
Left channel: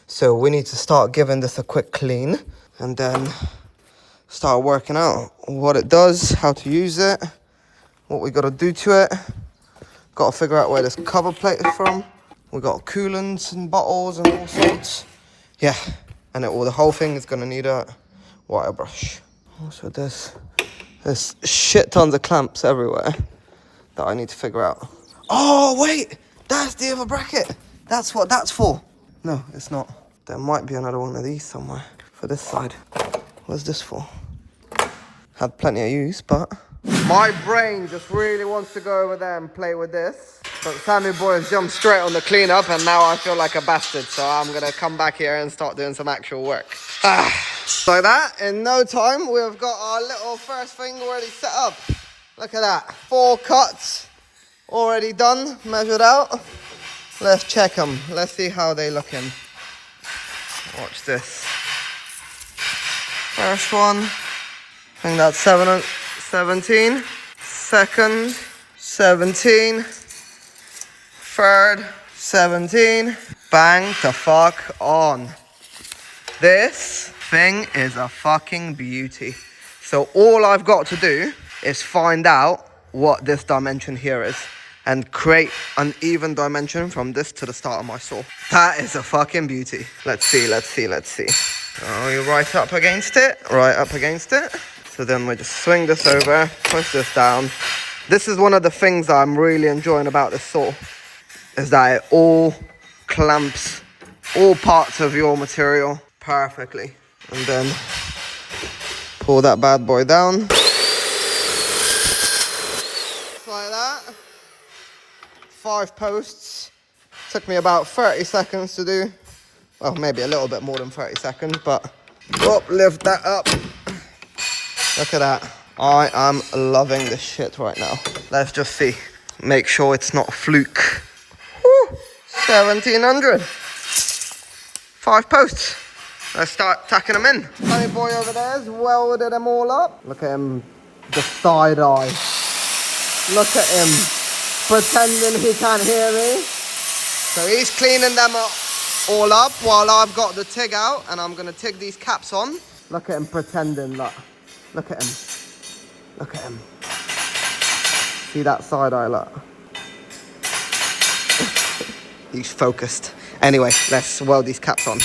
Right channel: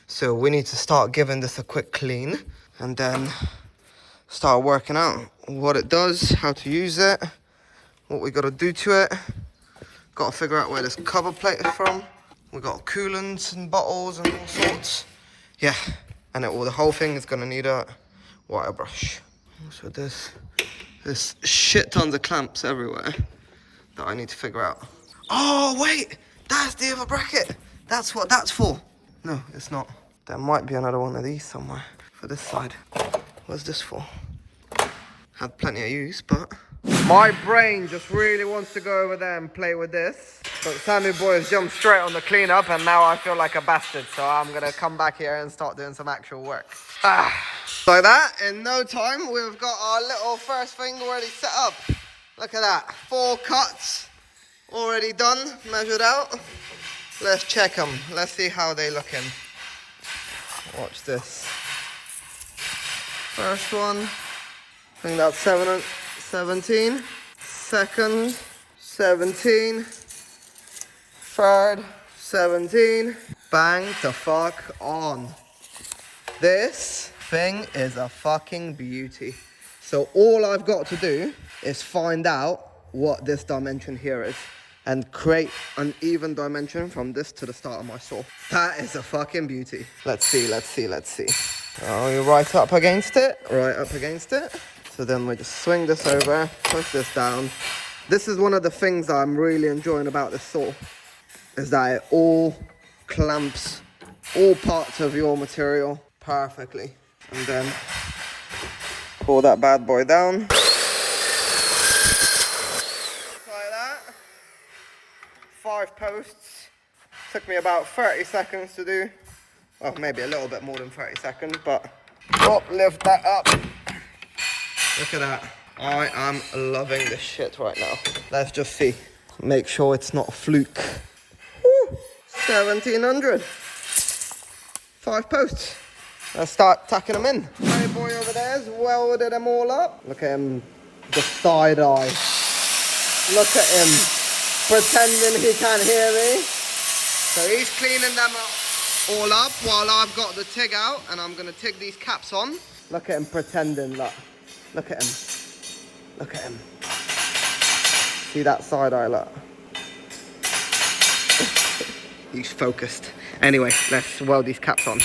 So we need to start giving this a quick clean and then start working out what it does, how to use it, what we got to do to it. Got to figure out where this cover plate is from. We got coolants and bottles and all sorts. Yeah, and the whole thing is gonna need a wire brush. Also there's shit tons of clamps everywhere that I need to figure out. Oh wait, that's the other bracket. That's what that's for. No, it's not. There might be another one of these somewhere for this side. What's this for? Had plenty of use, but my brain just really wants to go over there and play with this. But Sammy boy has jumped straight on the cleanup, and now I feel like a bastard. So I'm gonna come back here and start doing some actual work. So that, in no time, we've got our little first thing already set up. Look at that, 4 cuts already done, measured out. Let's check them. Let's see how they looking. Watch this. First one, I think that's 17. Second, 17. Third, 17. Bang the fuck on. This thing is a fucking beauty. So all I've got to do is find out what this dimension here is. and create an even dimension from this to the start of my saw. That is a fucking beauty. Let's see. Oh, you're right up against it. So then we just swing this over, push this down. This is one of the things that I'm really enjoying about this saw, is that it all clamps all parts of your material perfectly. And then pull that bad boy down. Like that. 5 posts. Took me about 30 seconds to do. Well, maybe a little bit more than 30 seconds, but lift that up. Look at that. I am loving this shit right now. Let's just see. Make sure it's not a fluke. Woo! 1700. 5 posts. Let's start tacking them in. Honey boy over there has welded them all up. Look at him, the side eye. Look at him, pretending he can't hear me. So he's cleaning them up, all up while I've got the TIG out, and I'm gonna TIG these caps on. Look at him pretending, look. Look at him. Look at him. See that side eye, look. He's focused. Anyway, let's weld these caps on.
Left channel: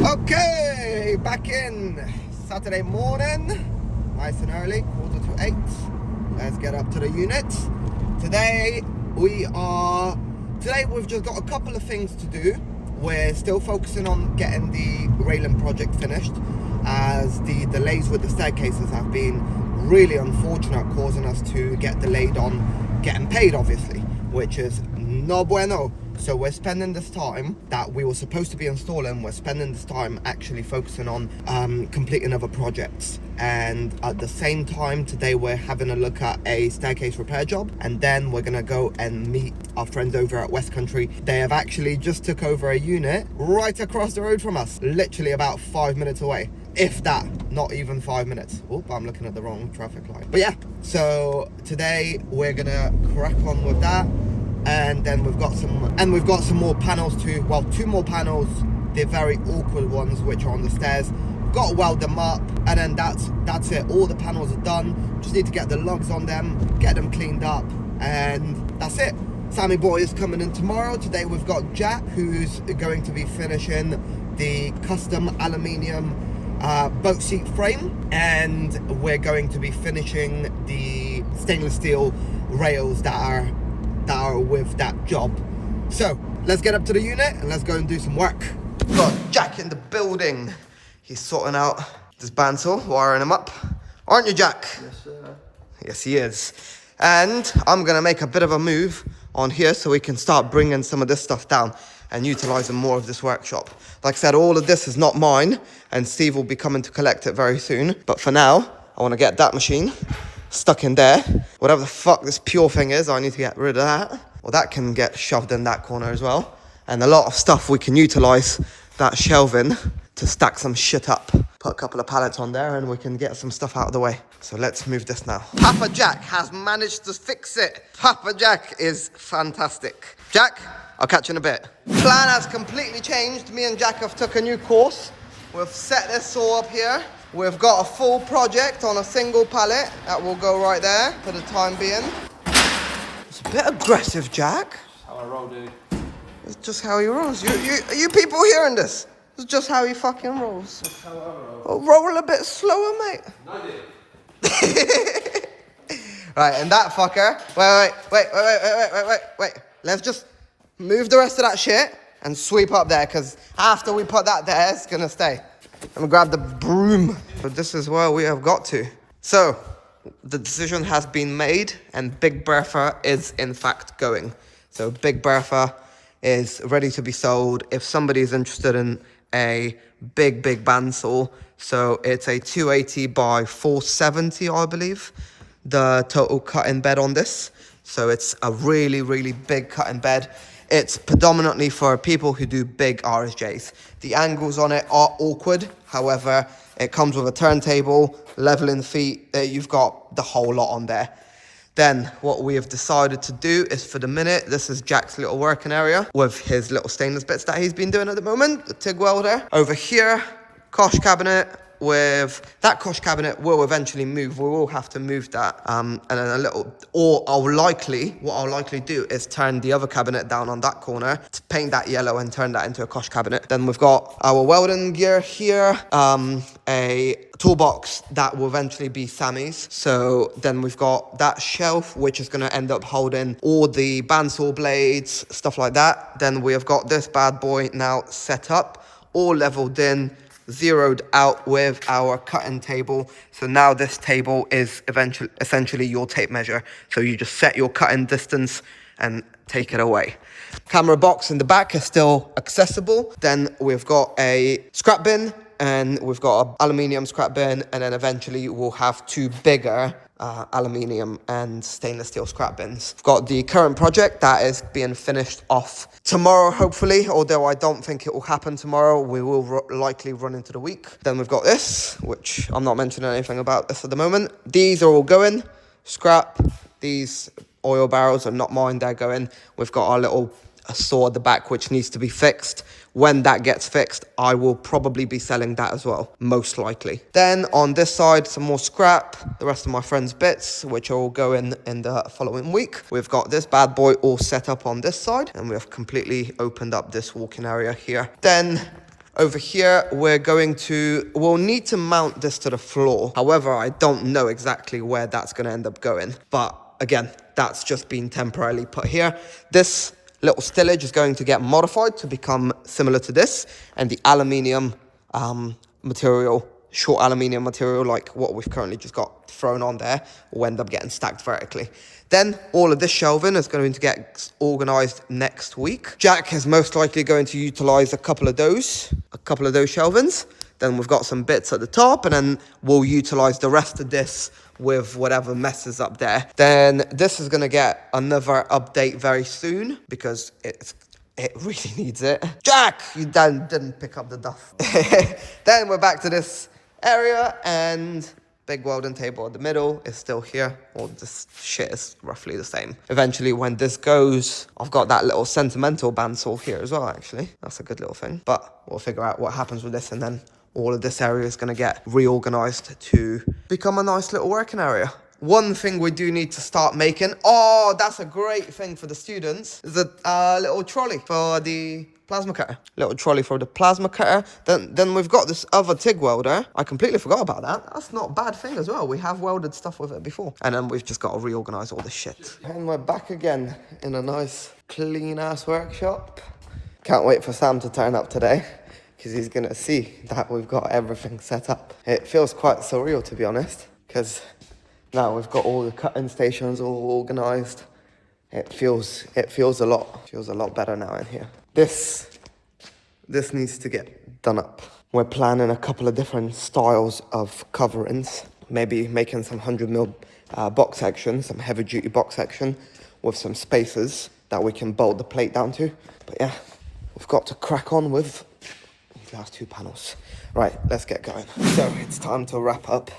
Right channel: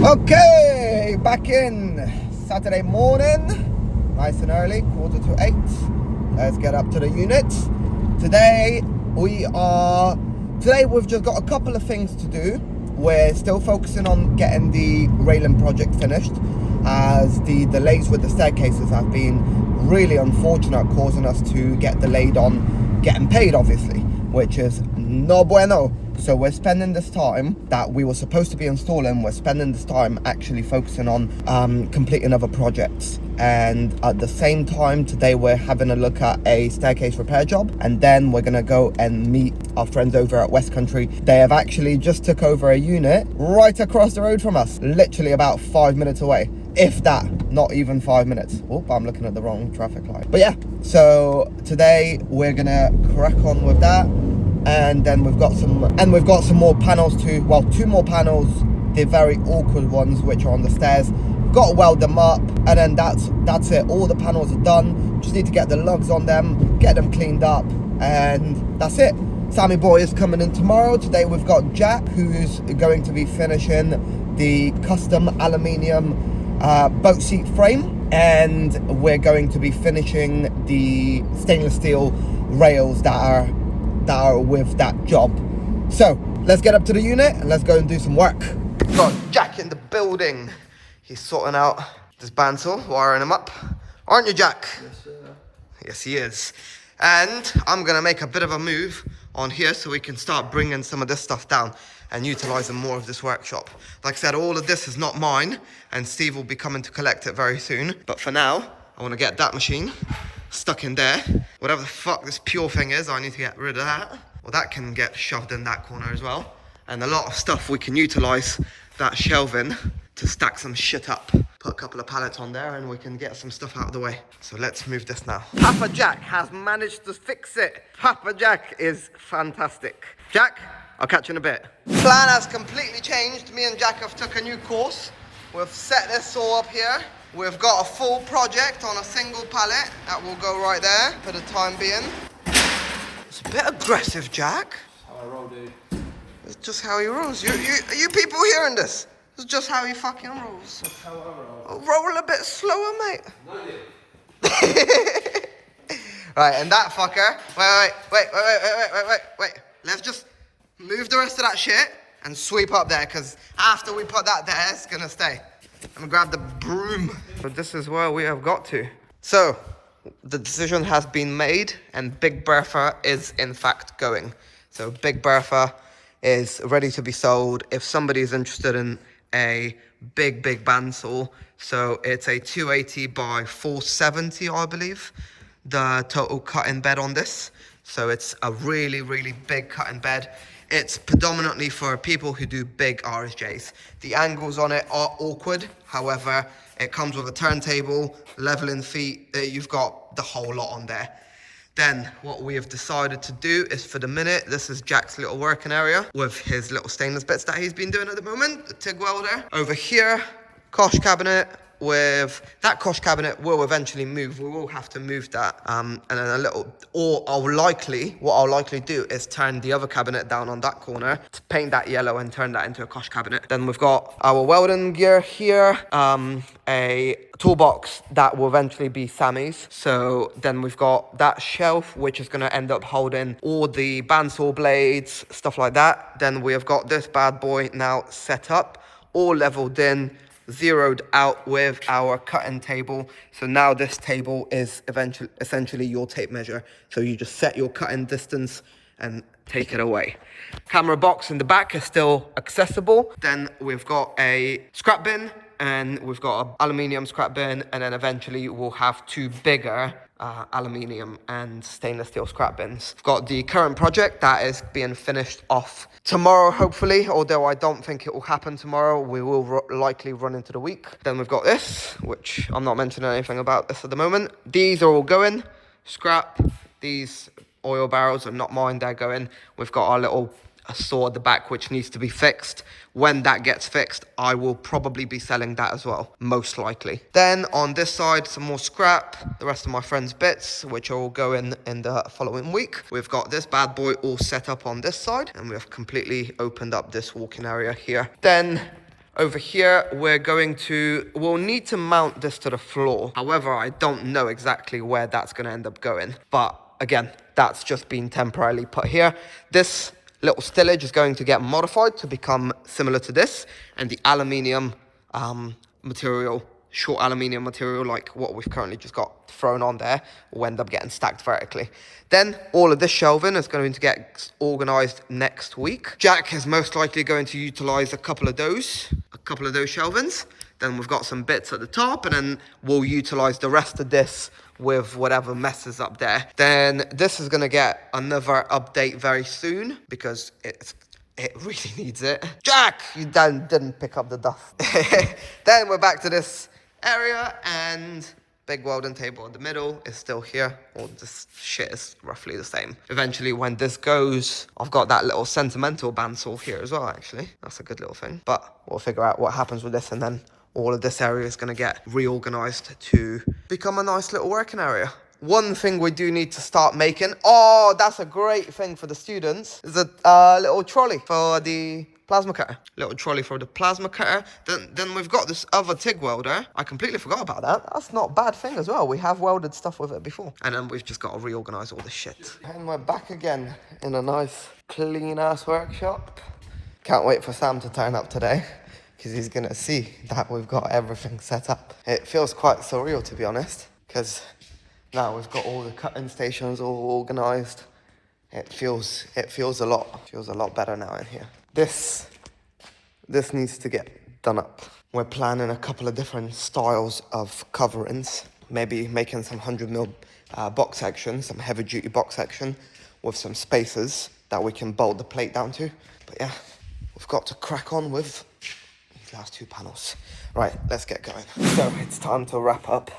Okay, back in. Saturday morning, nice and early, 7:45. Let's get up to the unit. Today we've just got a couple of things to do. We're still focusing on getting the railing project finished, as the delays with the staircases have been really unfortunate, causing us to get delayed on getting paid, obviously, which is no bueno. So we're spending this time that we were supposed to be installing, we're spending this time actually focusing on completing other projects. And at the same time, today we're having a look at a staircase repair job, and then we're gonna go and meet our friends over at West Country. They have actually just took over a unit right across the road from us, literally about 5 minutes away. If that, not even 5 minutes. Oh, I'm looking at the wrong traffic light. But yeah, so today we're gonna crack on with that. And then we've got some more panels too. Well, 2 more panels, the very awkward ones which are on the stairs. Got to weld them up, and then that's it. All the panels are done. Just need to get the lugs on them, get them cleaned up, and that's it. Sammy boy is coming in tomorrow. Today we've got Jack, who's going to be finishing the custom aluminium boat seat frame, and we're going to be finishing the stainless steel rails that are with that job. So let's get up to the unit and let's go and do some work. Got Jack in the building. He's sorting out this bandsaw, wiring him up. Aren't you, Jack? Yes, sir. Yes, he is. And I'm gonna make a bit of a move on here so we can start bringing some of this stuff down and utilizing more of this workshop. Like I said, all of this is not mine, and Steve will be coming to collect it very soon. But for now, I wanna get that machine stuck in there. Whatever the fuck this pure thing is, I need to get rid of that. Well, that can get shoved in that corner as well. And a lot of stuff we can utilize that shelving to stack some shit up. Put a couple of pallets on there and we can get some stuff out of the way. So let's move this now. Papa Jack has managed to fix it. Papa Jack is fantastic. Jack, I'll catch you in a bit. Plan has completely changed. Me and Jack have took a new course. We've set this saw up here. We've got a full project on a single pallet that will go right there for the time being. It's a bit aggressive, Jack. How I roll, dude. It's just how he rolls. You people hearing this? It's just how he fucking rolls. That's how I roll. Oh, roll a bit slower, mate. No, dude. Right, and that fucker. Wait. Let's just move the rest of that shit and sweep up there, because after we put that there, it's gonna stay. Let me grab the broom. But this is where we have got to. So, the decision has been made, and Big Bertha is in fact going. So Big Bertha is ready to be sold if somebody is interested in a big bandsaw. So it's a 280 by 470, I believe, the total cut-in bed on this. So it's a really big cut-in bed. It's predominantly for people who do big RSJs. The angles on it are awkward. However, it comes with a turntable, leveling feet. You've got the whole lot on there. Then what we have decided to do is, for the minute, this is Jack's little working area with his little stainless bits that he's been doing at the moment, the TIG welder. Over here, cosh cabinet, with that cosh cabinet will eventually move. We will have to move that. And then what I'll likely do is turn the other cabinet down on that corner to paint that yellow and turn that into a cosh cabinet. Then we've got our welding gear here, a toolbox that will eventually be Sammy's. So then we've got that shelf, which is going to end up holding all the bandsaw blades, stuff like that. Then we have got this bad boy now set up, all leveled in, zeroed out with our cutting table. So now this table is essentially your tape measure. So you just set your cutting distance and take it away. Camera box in the back is still accessible. Then we've got a scrap bin, and we've got an aluminium scrap bin, and then eventually we'll have two bigger aluminium and stainless steel scrap bins. We've got the current project that is being finished off tomorrow, hopefully, although I don't think it will happen tomorrow. We will likely run into the week. Then we've got this, which I'm not mentioning anything about this at the moment. These are all going. Scrap. These oil barrels are not mine, they're going. We've got our little saw at the back, which needs to be fixed. When that gets fixed, I will probably be selling that as well, most likely. Then on this side, some more scrap, the rest of my friends' bits, which are all going in the following week. We've got this bad boy all set up on this side, and we've completely opened up this walking area here. Then over here, we'll need to mount this to the floor. However, I don't know exactly where that's going to end up going. But again, that's just been temporarily put here. This little stillage is going to get modified to become similar to this, and the aluminium material, short aluminium material like what we've currently just got thrown on there, will end up getting stacked vertically. Then all of this shelving is going to get organized next week. Jack is most likely going to utilize a couple of those shelvings. Then we've got some bits at the top, and then we'll utilize the rest of this with whatever messes up there. Then this is going to get another update very soon because it really needs it. Jack, you didn't pick up the dust. Then we're back to this area, and big welding table in the middle is still here. All this shit is roughly the same. Eventually, when this goes, I've got that little sentimental bandsaw here as well, actually. That's a good little thing. But we'll figure out what happens with this, and then all of this area is going to get reorganized to become a nice little working area. One thing we do need to start making, oh, that's a great thing for the students, is a little trolley for the plasma cutter. Little trolley for the plasma cutter. Then we've got this other TIG welder. I completely forgot about that. That's not a bad thing as well. We have welded stuff with it before. And then we've just got to reorganize all this shit. And we're back again in a nice, clean-ass workshop. Can't wait for Sam to turn up today, because he's going to see that we've got everything set up. It feels quite surreal, to be honest, because now we've got all the cutting stations all organised. It feels a lot better now in here. This needs to get done up. We're planning a couple of different styles of coverings, maybe making some 100mm box section, some heavy-duty box section with some spacers that we can bolt the plate down to. But yeah, we've got to crack on with last two panels. Right, let's get going. So it's time to wrap up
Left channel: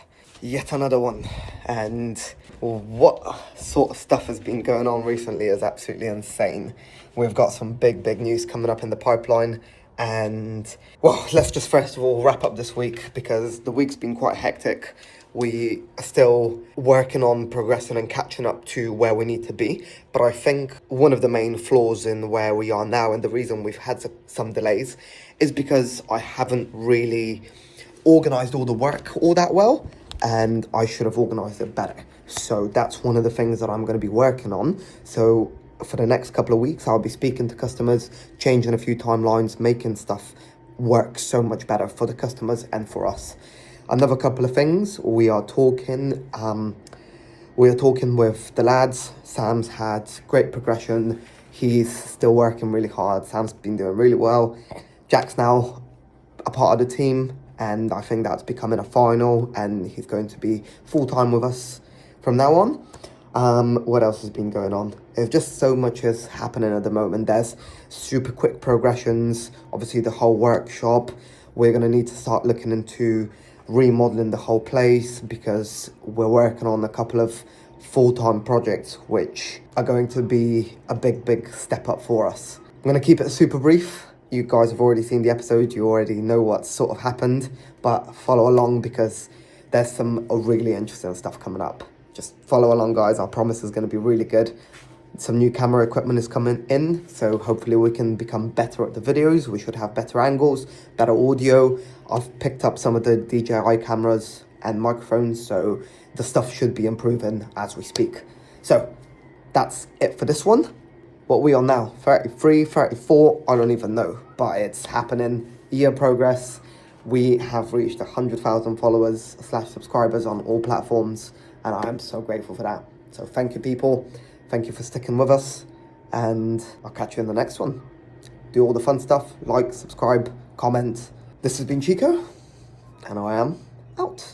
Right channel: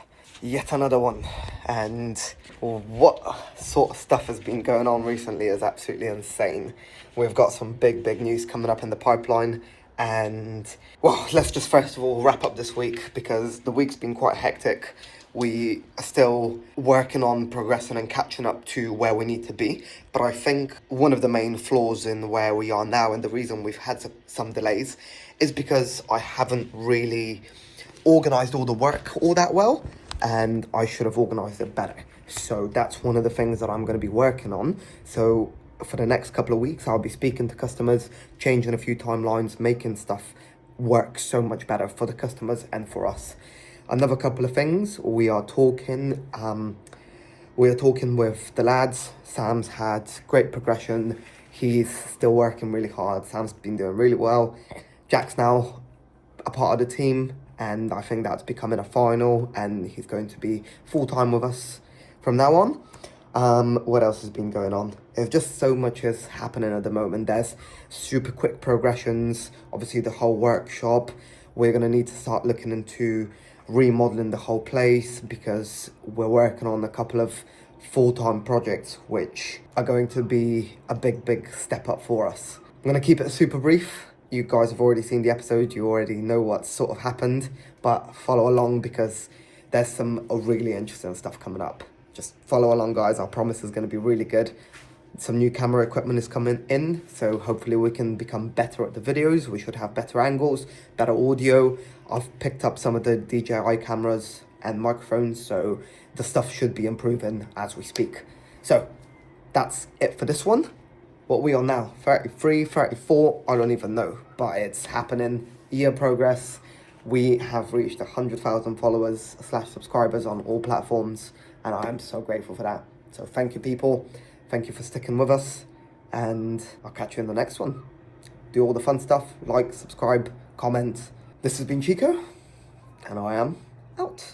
yet another one, and what sort of stuff has been going on recently is absolutely insane. We've got some big news coming up in the pipeline, and well, let's just first of all wrap up this week, because the week's been quite hectic. We are still working on progressing and catching up to where we need to be. But I think one of the main flaws in where we are now, and the reason we've had some delays, is because I haven't really organised all the work all that well, and I should have organised it better. So that's one of the things that I'm going to be working on. So for the next couple of weeks, I'll be speaking to customers, changing a few timelines, making stuff work so much better for the customers and for us. Another couple of things, we are talking with the lads. Sam's had great progression. He's still working really hard. Sam's been doing really well. Jack's now a part of the team, and I think that's becoming a final, and he's going to be full-time with us from now on. What else has been going on? There's just so much is happening at the moment. There's super quick progressions. Obviously, the whole workshop. We're going to need to start looking into remodeling the whole place, because we're working on a couple of full-time projects which are going to be a big step up for us. I'm going to keep it super brief. You guys have already seen the episode. You already know what sort of happened. but follow along because there's some really interesting stuff coming up. Just follow along, guys. I promise it's going to be really good. Some new camera equipment is coming in, so hopefully we can become better at the videos. We should have better angles, better audio. I've picked up some of the DJI cameras and microphones, so the stuff should be improving as we speak. So that's it for this one. What are we on now? 33, 34? I don't even know, but it's happening. Year progress. We have reached 100,000 followers / subscribers on all platforms, and I am so grateful for that. So thank you, people. Thank you for sticking with us, and I'll catch you in the next one. Do all the fun stuff, like, subscribe, comment. This has been Chico, and I am out.